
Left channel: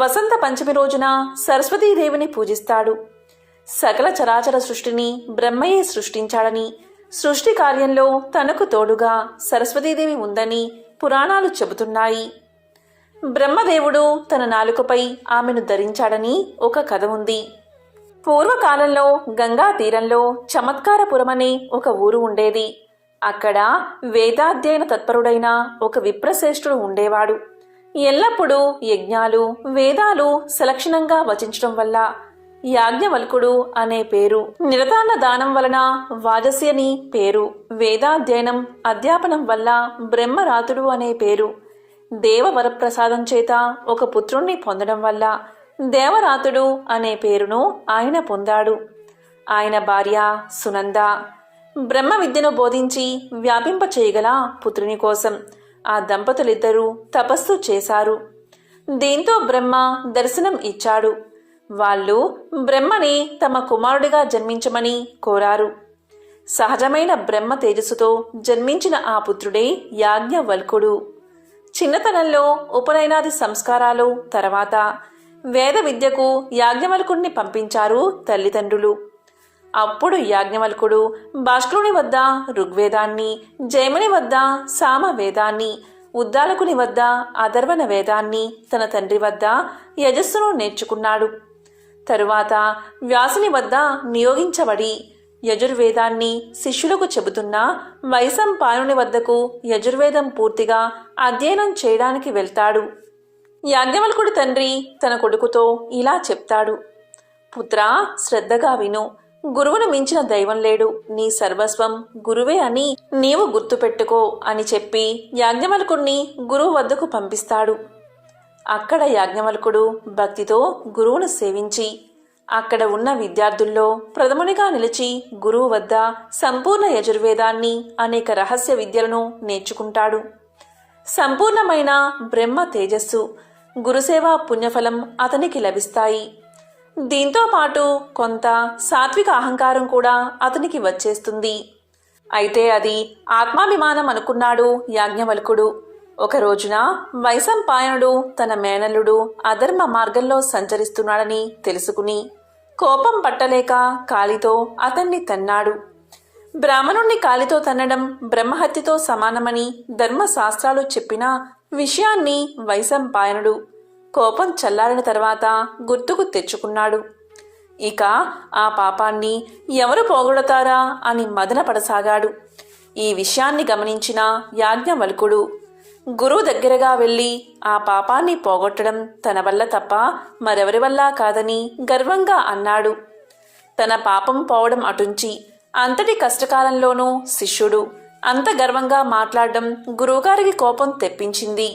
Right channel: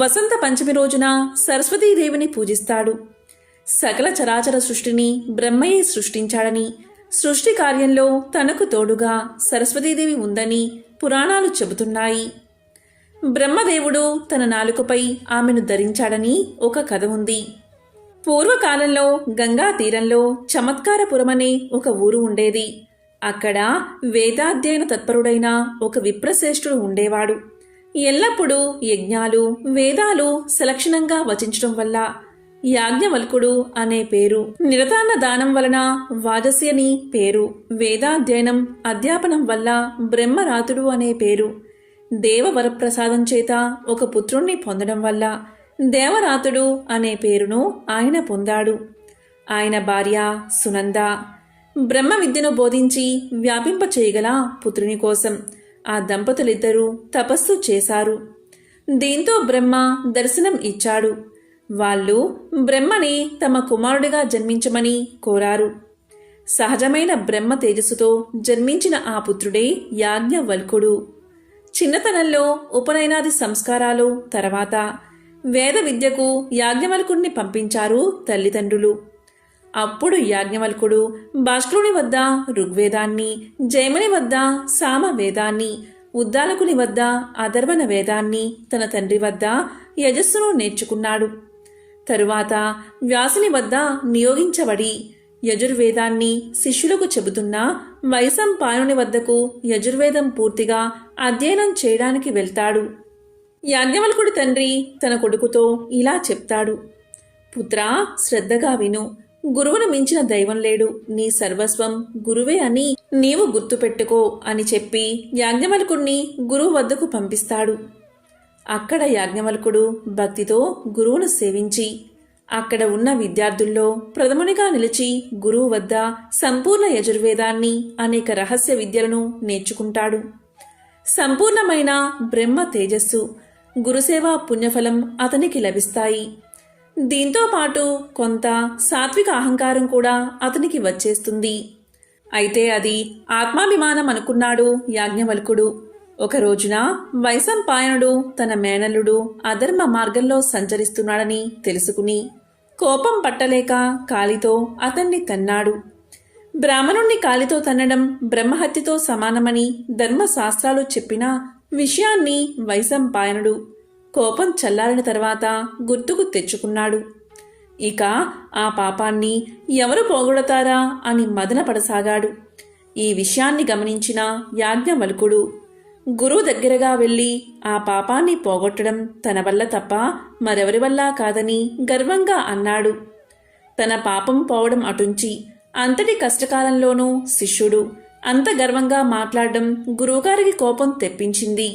వసంత పంచమి రోజున సరస్వతీదేవిని పూజిస్తాడు. సకల చరాచర సృష్టిని బ్రహ్మయే సృష్టించాడని, సృష్టి కార్యంలో తనకు తోడుగా సరస్వతీదేవి ఉందని పురాణాలు చెబుతున్నాయి. బ్రహ్మదేవుడు తన నాలుకపై ఆమెను ధరించాడని ఒక కథ ఉంది. పూర్వకాలంలో గంగా తీరంలో చమత్కారపురమనే ఒక ఊరు ఉండేది. అక్కడ వేదాధ్యయన తత్పరుడైన ఒక విప్రశ్రేష్ఠుడు ఉండేవాడు. ఎల్లప్పుడూ యజ్ఞాలు, వేదాలు సలక్షణంగా వచించడం వల్ల యాజ్ఞవల్కుడు అనే పేరు, నిరతాన్న దానం వలన వాజసి అని పేరు, వేదాధ్యయనం అధ్యాపనం వల్ల బ్రహ్మరాతుడు అనే పేరు, దేవవరప్రసాదం చేత ఒక పుత్రుణ్ణి పొందడం వల్ల దేవరాతుడు అనే పేరును ఆయన పొందాడు. ఆయన భార్య సునంద బ్రహ్మ విద్యను బోధించి వ్యాపింప చేయగల పుత్రుని కోసం ఆ దంపతులిద్దరూ తపస్సు చేశారు. దీంతో బ్రహ్మ దర్శనం ఇచ్చాడు. వాళ్ళు బ్రహ్మని తమ కుమారుడిగా జన్మించమని కోరారు. సహజమైన బ్రహ్మ తేజస్సుతో జన్మించిన ఆ పుత్రుడే యాజ్ఞవల్కుడు. చిన్నతనంలో ఉపనయనాది సంస్కారాలు తర్వాత వేద విద్యకు యాజ్ఞవల్కుడిని పంపించారు తల్లిదండ్రులు. అప్పుడు యాజ్ఞవల్కుడు భాస్కరుని వద్ద ఋగ్వేదాన్ని, జైముని వద్ద సామవేదాన్ని, ఉద్దాలకుని వద్ద అథర్వణ వేదాన్ని, తన తండ్రి వద్ద యజస్సును నేర్చుకున్నాడు. తరువాత వ్యాసుని వద్ద నియోగించబడి యజుర్వేదాన్ని శిష్యులకు చెబుతున్న వైశంపాయనుని వద్దకు యజుర్వేదం పూర్తిగా అధ్యయనం చేయడానికి వెళ్తాడు. యాజ్ఞవల్కుడి తండ్రి తన కొడుకుతో ఇలా చెప్తాడు: పుత్రా, శ్రద్ధగా విను. గురువును మించిన దైవం లేడు. నీ సర్వస్వం గురువే అని నీవు గుర్తుపెట్టుకో అని చెప్పి యాజ్ఞవల్కుడిని గురువు వద్దకు పంపిస్తాడు. అక్కడ యాజ్ఞవల్కుడు భక్తితో గురువును సేవించి అక్కడ ఉన్న విద్యార్థుల్లో ప్రథమునిగా నిలిచి గురువు వద్ద సంపూర్ణ యజుర్వేదాన్ని, అనేక రహస్య విద్యలను నేర్చుకుంటాడు. సంపూర్ణమైన బ్రహ్మ తేజస్సు, గురుసేవ పుణ్యఫలం అతనికి లభిస్తాయి. దీంతో పాటు కొంత సాత్విక అహంకారం కూడా అతనికి వచ్చేస్తుంది. అయితే అది ఆత్మాభిమానం అనుకున్నాడు యాజ్ఞవల్కుడు. ఒక రోజున వైశంపాయనుడు తన మేనల్లుడు అధర్మ మార్గంలో సంచరిస్తున్నాడని తెలుసుకుని కోపం పట్టలేక కాలితో అతన్ని తన్నాడు. బ్రాహ్మణుణ్ణి కాలితో తన్నడం బ్రహ్మహత్యతో సమానమని ధర్మశాస్త్రాలు చెప్పిన విషయాన్ని వైశంపాయనుడు కోపం చల్లారిన తర్వాత గుర్తుకు తెచ్చుకున్నాడు. ఇక ఆ పాపాన్ని ఎవరు పోగొడతారా అని మదనపడసాగాడు. ఈ విషయాన్ని గమనించిన యాజ్ఞవల్కుడు గురువు దగ్గరగా వెళ్ళి ఆ పాపాన్ని పోగొట్టడం తన వల్ల తప్ప మరెవరి వల్ల కాదని గర్వంగా అన్నాడు. తన పాపం పోవడం అటుంచి అంతటి కష్టకాలంలోనూ శిష్యుడు అంత గర్వంగా మాట్లాడడం గురువుగారికి కోపం తెప్పించింది.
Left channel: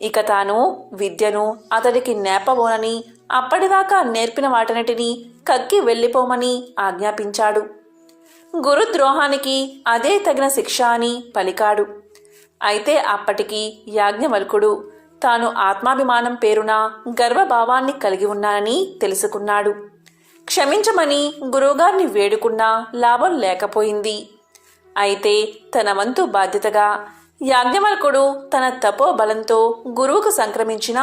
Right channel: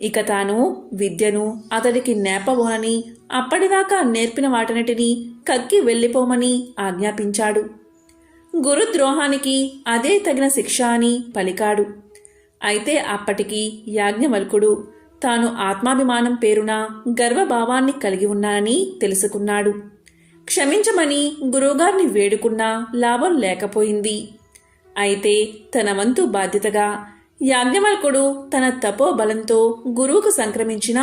ఇక తాను విద్యను అతడికి నేర్పబోనని, అప్పటిదాకా నేర్పిన వాటన్నిటినీ కక్కి వెళ్ళిపోమని ఆజ్ఞాపించాడు. గురుద్రోహానికి అదే తగిన శిక్ష అని పలికాడు. అయితే అప్పటికి యాజ్ఞవల్కుడు తాను ఆత్మాభిమానం పేరున గర్వభావాన్ని కలిగి ఉన్నానని తెలుసుకున్నాడు. క్షమించమని గురువుగారిని వేడుకున్నా లాభం లేకపోయింది. అయితే తన వంతు బాధ్యతగా యాజ్ఞవల్కుడు తన తపోబలంతో గురువుకు సంక్రమించిన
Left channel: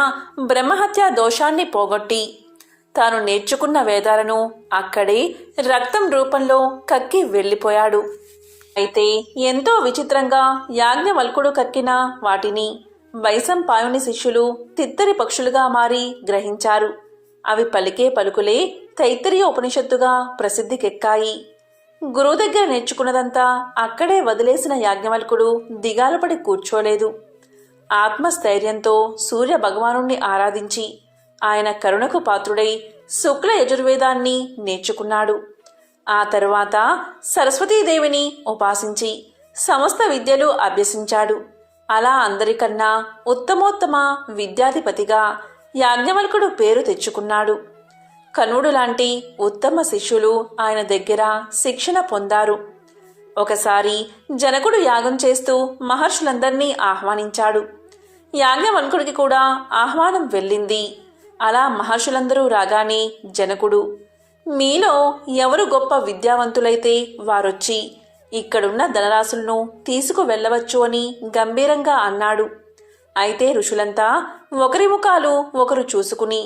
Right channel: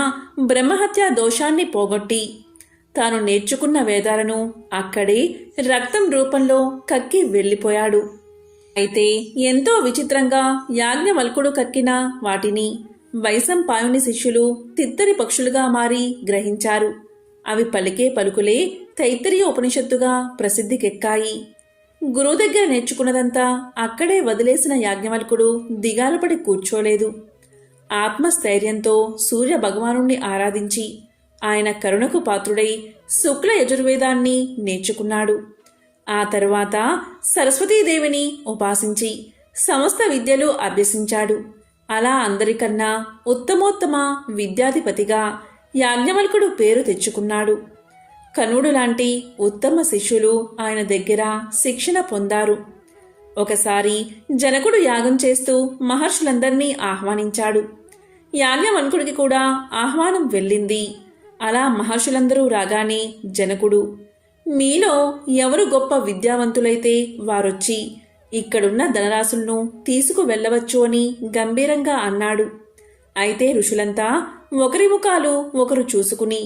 బ్రహ్మహత్యా దోషాన్ని పోగొట్టి తాను నేర్చుకున్న వేదాలను అక్కడే రక్తం రూపంలో కక్కి వెళ్ళిపోయాడు. అయితే ఎంతో విచిత్రంగా యాజ్ఞవల్కుడు కక్కిన వాటిని వైశంపాయుని శిష్యులు తిత్తరి పక్షులుగా మారి గ్రహించారు. అవి పలికే పలుకులే తైత్తరీయ ఉపనిషత్తుగా ప్రసిద్ధికెక్కాయి. గురువు దగ్గర నేర్చుకున్నదంతా అక్కడే వదిలేసిన యాజ్ఞవల్కుడు దిగాలపడి కూర్చోలేదు. ఆత్మస్థైర్యంతో సూర్య భగవానుణ్ణి ఆరాధించి ఆయన కరుణకు పాత్రుడై శుక్ల యజుర్వేదాన్ని నేర్చుకున్నాడు. ఆ తరువాత సరస్వతీదేవిని ఉపాసించి సమస్త విద్యలు అభ్యసించాడు. అలా అందరికన్నా ఉత్తమోత్తమ విద్యాధిపతిగా యాజ్ఞవల్కుడు పేరు తెచ్చుకున్నాడు. కనుడు లాంటి ఉత్తమ శిష్యులు ఆయన దగ్గర శిక్షణ పొందారు. ఒకసారి జనకుడు యాగం చేస్తూ మహర్షులందరినీ ఆహ్వానించాడు. యాజ్ఞవల్కుడికి కూడా ఆహ్వానం వెళ్ళింది. అలా మహర్షులందరూ రాగానే జనకుడు, మీలో ఎవరు గొప్ప విద్యావంతులైతే వారొచ్చి ఇక్కడున్న ధనరాశులను తీసుకు వెళ్ళవచ్చు అని గంభీరంగా అన్నాడు. అయితే ఋషులంతా ఒకరి ముఖాలు ఒకరు చూసుకుని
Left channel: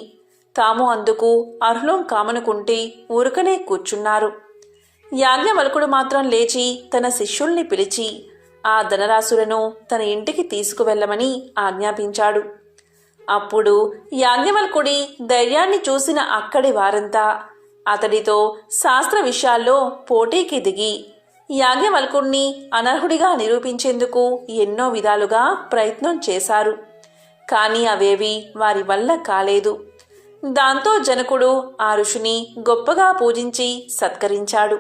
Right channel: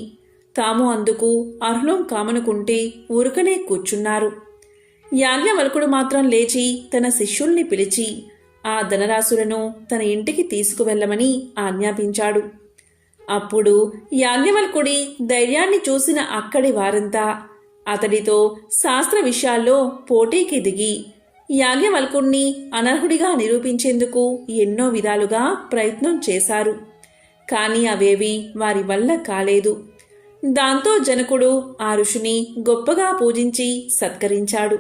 తాము అందుకు అర్హులం కామనుకుంటే ఊరుకనే కూర్చున్నారు. యాజ్ఞవల్కుడు మాత్రం లేచి తన శిష్యుల్ని పిలిచి ఆ ధనరాశులను తన ఇంటికి తీసుకువెళ్ళమని ఆజ్ఞాపించాడు. అప్పుడు యాజ్ఞవల్కుడి ధైర్యాన్ని చూసిన అక్కడి వారంతా అతడితో శాస్త్ర విషయాల్లో పోటీకి దిగి యాజ్ఞవల్కుణ్ణి అనర్హుడిగా నిరూపించేందుకు ఎన్నో విధాలుగా ప్రయత్నం చేశారు. కానీ అవేవి వారి వల్ల కాలేదు. దాంతో జనకుడు ఆ ఋషిని గొప్పగా పూజించి సత్కరించాడు.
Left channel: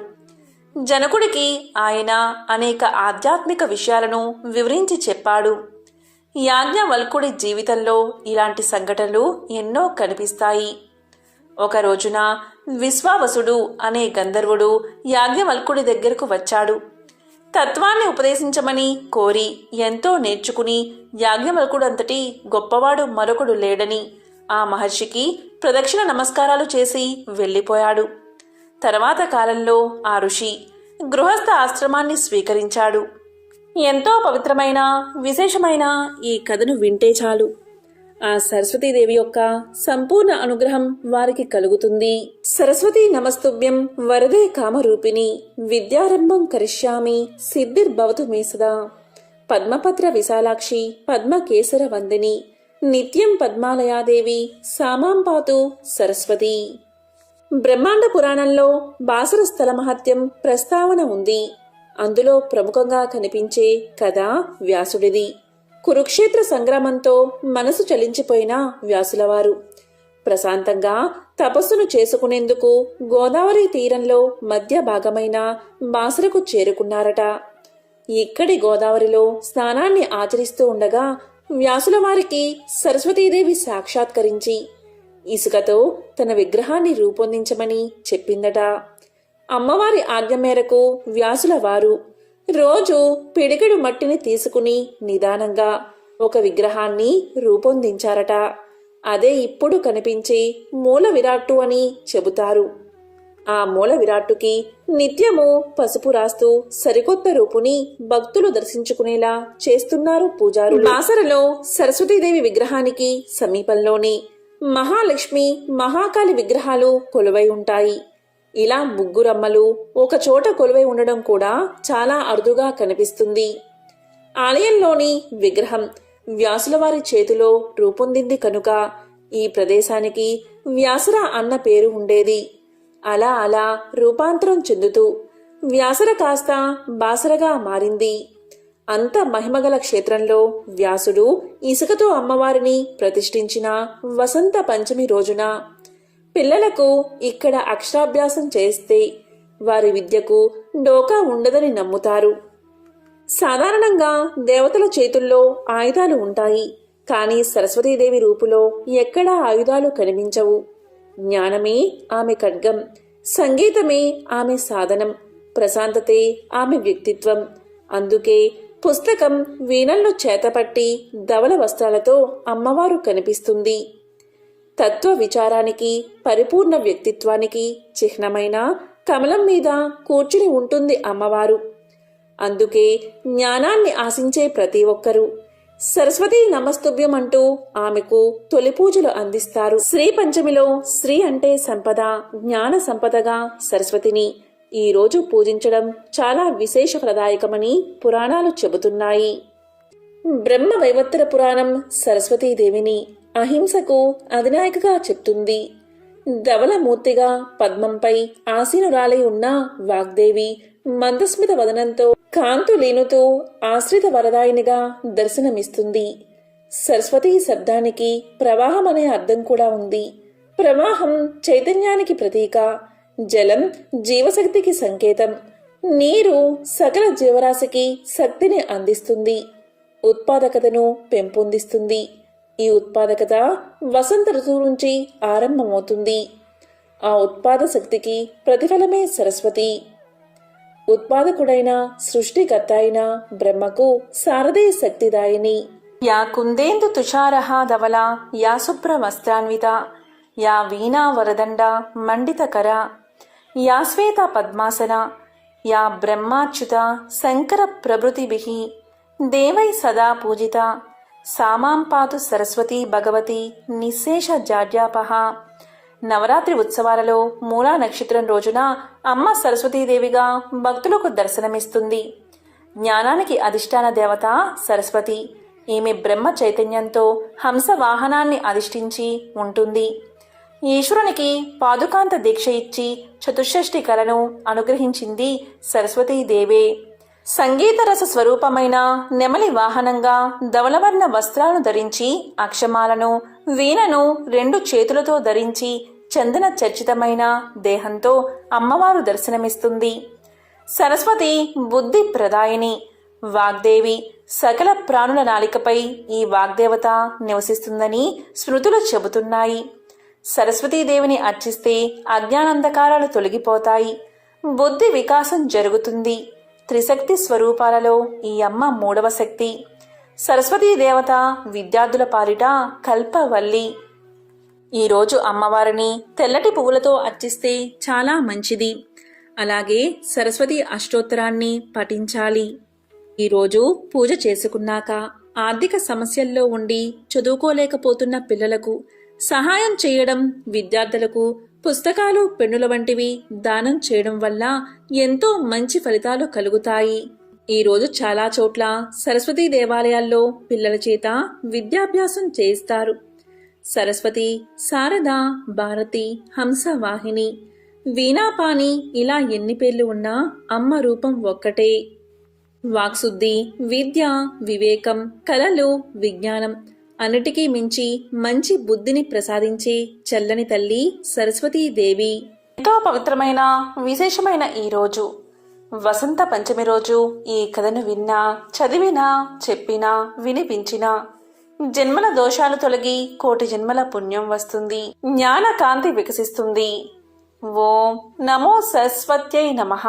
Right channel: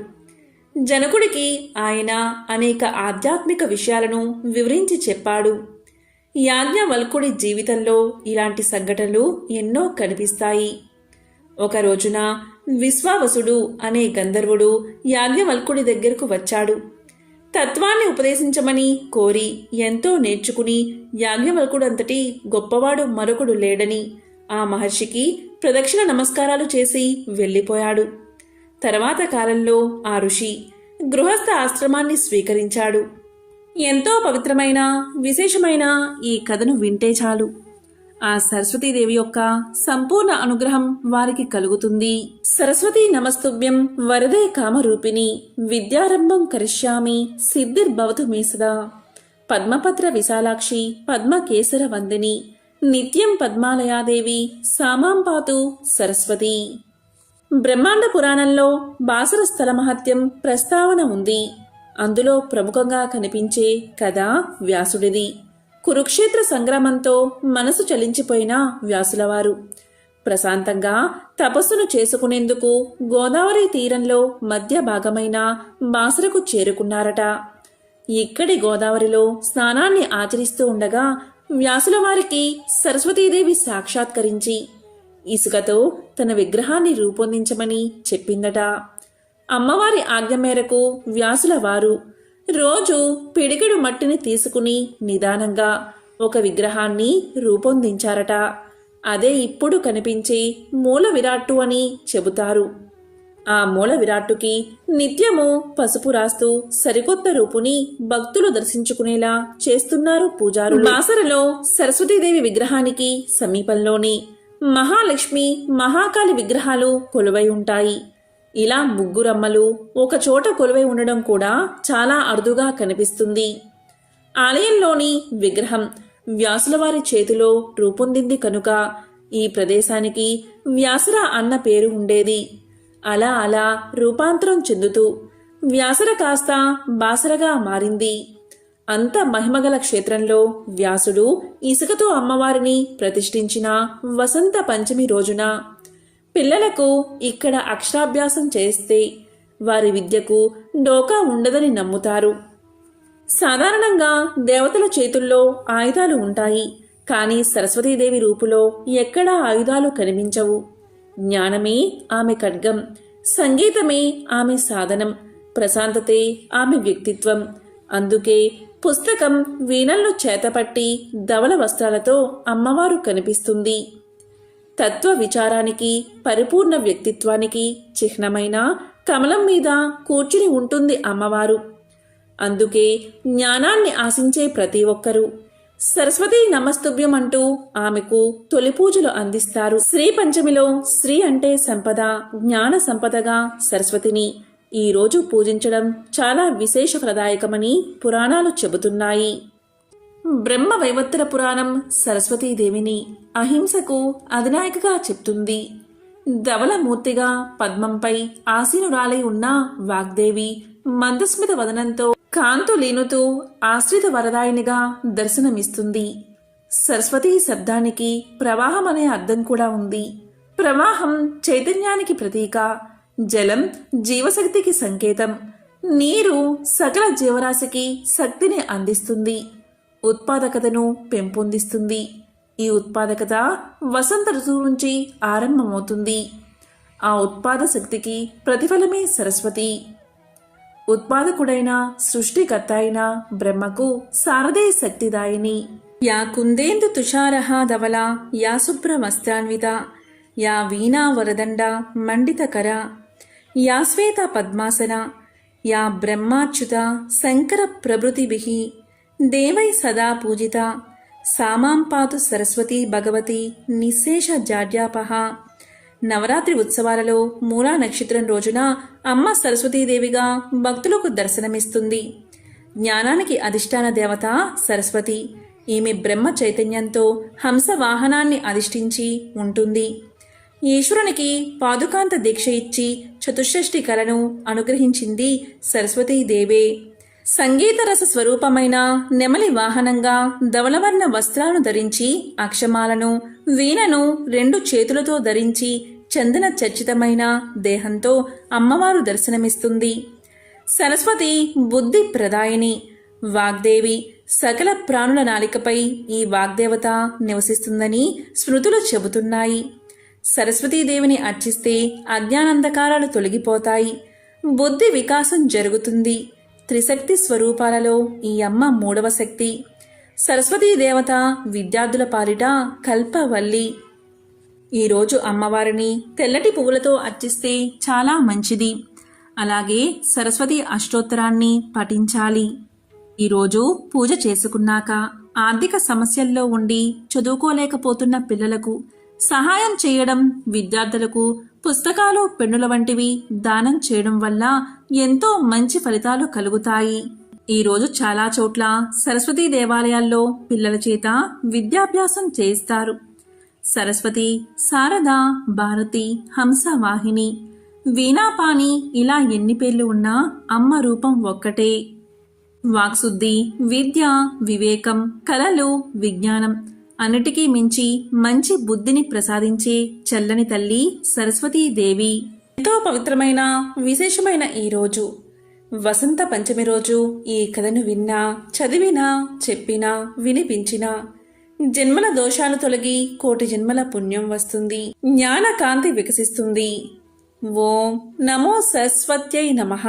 జనకుడికి ఆయన అనేక ఆధ్యాత్మిక విషయాలను వివరించి చెప్పాడు. యాజ్ఞవల్కుడి జీవితంలో ఇలాంటి సంఘటనలు ఎన్నో కనిపిస్తాయి. ఒక రోజున విశ్వావసుడు అనే గంధర్వుడు యాజ్ఞవల్కుడి దగ్గరకు వచ్చాడు. తత్వాన్ని ఉపదేశించమని కోరి ఎంతో నేర్చుకుని యాజ్ఞవల్కుడు అంతటి గొప్పవాడు మరొకడు లేడని ఆ మహర్షికి ప్రదక్షిణ నమస్కారాలు చేసి వెళ్ళిపోయాడు. తర్వాత కాలంలో ఆ ఋషి గృహస్థ ఆశ్రమాన్ని స్వీకరించాడు. ఎంతో పవిత్రమైన విశేషమైన ఈ కథను వింటే చాలు ఆ సరస్వతీదేవి యొక్క సంపూర్ణ అనుగ్రహం వారికి కలుగుతుంది. సరస్వతీ నమస్తుభ్యం వరదే కామరూపిణి విద్యారంభం కరిష్యామి సిద్ధిర్భవతు మే సదా పద్మపత్ర విశాలాక్షి పద్మకేసర వందిని నిత్యం పద్మాలయాదేవి సామాం పాతు సరస్వతి. బ్రహ్మాండ పురాణంలో బాసర స్థల మహత్యం ప్రస్తావన ఉంది. అందులో ప్రముఖంగా కనిపించే కథ వ్యాసుడిది. కురుక్షేత్ర సంగ్రామంతో మనసు చలించిపోయిన వ్యాసులవారు ప్రశాంతంగా తపస్సును చేసుకునేందుకు గోదావరి తీరంలో మధ్య భాగమైన బాసరకు చేరుకున్నారట. ఇక్కడి గోదావరిలో స్నానాన్ని ఆచరిస్తూ ఉండగా వ్యాసుల వారికి సరస్వతీదేవి సాక్షాత్కరించి ఇసుకతో తన విగ్రహాన్ని రూపొందించమని చెప్పిందట. అమ్మవారి ఆజ్ఞ మేరకు వ్యాసుల వారు రోజు పిడికెడు మట్టిని తీసుకుని నిదానంగా ఒక విగ్రహాన్ని రూపొందించారట. అదే ఇప్పుడు కనిపించే మూల విరాట్టు అని చెబుతారు. ఆ మూల విరాట్టుకి నిత్యము పసుపు రాస్తూ సరికొత్త రూపుని భక్తులు దర్శించుకునేలా చేస్తున్నారు పూజారులు. బాసరలో సరస్వతీదేవి విగ్రహానికి సమీపంలోని మహాలక్ష్మి మహాకాళి విగ్రహాలు కొలువై ఉంటాయి. ఇలా ముగ్గురమ్మలు ఒక చోట కొలువై ఉండడం కూడా చాలా అరుదుగా కనిపిస్తుంది. ఆలయంలోని విగ్రహం వ్యాసుల వారి చేతిలో రూపొందింది కనుక ఈ ప్రదేశానికి వ్యాసర అన్న పేరు ఉండేది. అలా అలా రూపాంతరం చెందుతూ వ్యాసర కాస్త బాసరగా మారింది. అంత మహిమగల క్షేత్రంలో వ్యాసుడు ఇసుకతో అమ్మవారిని ప్రతిష్ఠించిన వసంత పంచమి రోజున పిల్లలకు ఇక్కడ అక్షరాభ్యాసం చేస్తే వారి విద్యకు డోకా ఉండదని నమ్ముతారు. సాధారణంగా దేవతల చేతుల్లో ఆయుధాలు ఉంటాయి, కానీ సరస్వతీదేవి రూపులో ఎక్కడా ఆయుధాలు కనిపించవు. జ్ఞానమే ఆమె ఖడ్గం, సంగీతమే ఆమె సాధనం, ప్రశాంతతే ఆమె వ్యక్తిత్వం. అందుకే పుస్తకం వీణలను చేతపట్టి ధవళ వస్త్రాలతో అమ్మవారు కనిపిస్తుంది. తత్వ విచారానికి పరిపూర్ణ వ్యక్తిత్వానికి చిహ్నమైన కమలం మీద కూర్చుని ఉంటుంది అమ్మవారు. అందుకే జ్ఞానాన్ని ఆశించే ప్రతి ఒక్కరూ సరస్వతీ నమస్తుభ్యం అంటూ ఆమెకు తొలి పూజలు అందిస్తారు. శ్రీ పంచమిలో శ్రీ అంటే సంపద, జ్ఞాన సంపదగా సరస్వతిని ఈ రోజు పూజించడం చాలా విశేషప్రదాయకమని పురాణాలు చెబుతున్నాయి. బ్రహ్మ వైవత్తర పురాణం సరస్వతీదేవిని అహింసకు అధినాయకగా చెప్తుంది. ధవలమూర్తిగా పద్మంపై ఆసీనురాలై ఉన్న వాగ్దేవి మందస్మిత వదనంతో కాంతులీనుతూ ఆశ్రిత వరదాయినిగా దర్శనమిస్తుంది. సరస్వతీ శబ్దానికి ప్రవాహం అనే అర్థం కూడా ఉంది. ప్రవాహం చైతన్యానికి ప్రతీక, జలం జీవశక్తికి సంకేతం, నీరు సకల జీవరాశికి శక్తిని అందిస్తుంది, ఉత్పాదకతను పెంపొందిస్తుంది. ఈ ఉత్పాదకత వసంత ఋతువు నుంచి ఆరంభమవుతుంది. ఆ ఉత్పాద శక్తికి ప్రతిఫలమే సరస్వతి. ఉత్పాదకుడైన సృష్టికర్త అయిన బ్రహ్మకు శారదే శక్తిదాయిని. యా కుందేందు తుషారహ ధవల యా శుభ్రమస్త్రాన్విత యా వీణా వరదండ మండితకర యా శ్వేత పద్మాసన యా బ్రహ్మాచ్యుత శంకర ప్రభృతిభిః దేవై సదా పూజిత సామాం పాతు సరస్వతి భగవతి నిశేష జాడ్యాపహ. నవరాత్రి ఉత్సవాలలో మూలా నక్షత్రం రోజున అమ్మ సరస్వతీదేవిగా భక్తులకు దర్శనమిస్తుంది. జ్ఞానానికి అధిష్టాన దేవత సరస్వతి. ఈమె బ్రహ్మ చైతన్యంతో హంస వాహనాన్ని అధిష్ఠించి ఉంటుంది. ఈశ్వరునికి పాదుకాంత దీక్ష ఇచ్చి చతుషష్ఠి కళను అనుగ్రహించింది సరస్వతీదేవే. సంగీతరస స్వరూపమైన నెమలి వాహనంగా ధవలవర్ణ వస్త్రాలను ధరించి అక్షమాలను వీణను 2 చేతులతో ధరించి చందన చర్చితమైన దేహంతో అమ్మవారు దర్శనమిస్తుంది. సరస్వతి బుద్ధి ప్రదాయిని, వాగ్దేవి. సకల ప్రాణుల నాలికపై ఈ వాగ్దేవత నివసిస్తుందని స్మృతులు చెబుతున్నాయి. సరస్వతీదేవిని అర్చిస్తే అజ్ఞానంధకారాలు తొలగిపోతాయి, బుద్ధి వికాసం జరుగుతుంది. త్రిశక్తి స్వరూపాలలో ఈ అమ్మ 3వ శక్తి. సరస్వతీ దేవత విద్యార్థుల పాలిట కల్పవల్లి. ఈరోజు అమ్మవారిని తెల్లటి పువ్వులతో అర్చిస్తే చాలా మంచిది. అలాగే సరస్వతి అష్టోత్తరాన్ని పఠించాలి. ఈరోజు పూజ చేసుకున్నాక ఆర్థిక సమస్యల్లో ఉండి చదువుకోలేకపోతున్న పిల్లలకు సహాయం చేయడం, విద్యార్థులకు పుస్తకాలు, పెన్నుల వంటివి దానం చేయడం వల్ల ఎంతో మంచి ఫలితాలు కలుగుతాయి. ఈరోజు చాలా చోట్ల సరస్వతీ దేవాలయాల్లో పిల్లల చేత విద్యాభ్యాసం చేయిస్తారు. సరస్వతి, శారద, భారతి, హంసవాహిని, వీణాపాణి ఇలా ఎన్ని పేర్లు ఉన్నా అమ్మ రూపం ఒక్కటే. వాక్శుద్ధి, విద్య, వివేకం, కళలు, విజ్ఞానం అన్నిటికీ మించి మంచి బుద్ధిని ప్రసాదించే చల్లని తల్లి సరస్వతీదేవి. ఎంతో పవిత్రమైన విశేషమైన ఈ రోజు వసంత పంచమి రోజు ఈ కథను విన్నా, చదివినా, చెప్పినా, వినిపించినా జన్మల దోషాలు తొలగి కోటి జన్మల పుణ్యం వస్తుంది. జ్ఞాన కాంతి వికసిస్తుంది. ఓం నమో సరస్వత్యై నమః.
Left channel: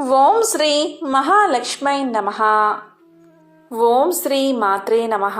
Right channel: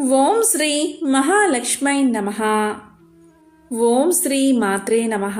ఓం శ్రీ మహాలక్ష్మై నమః. ఓం శ్రీ మాత్రే నమః.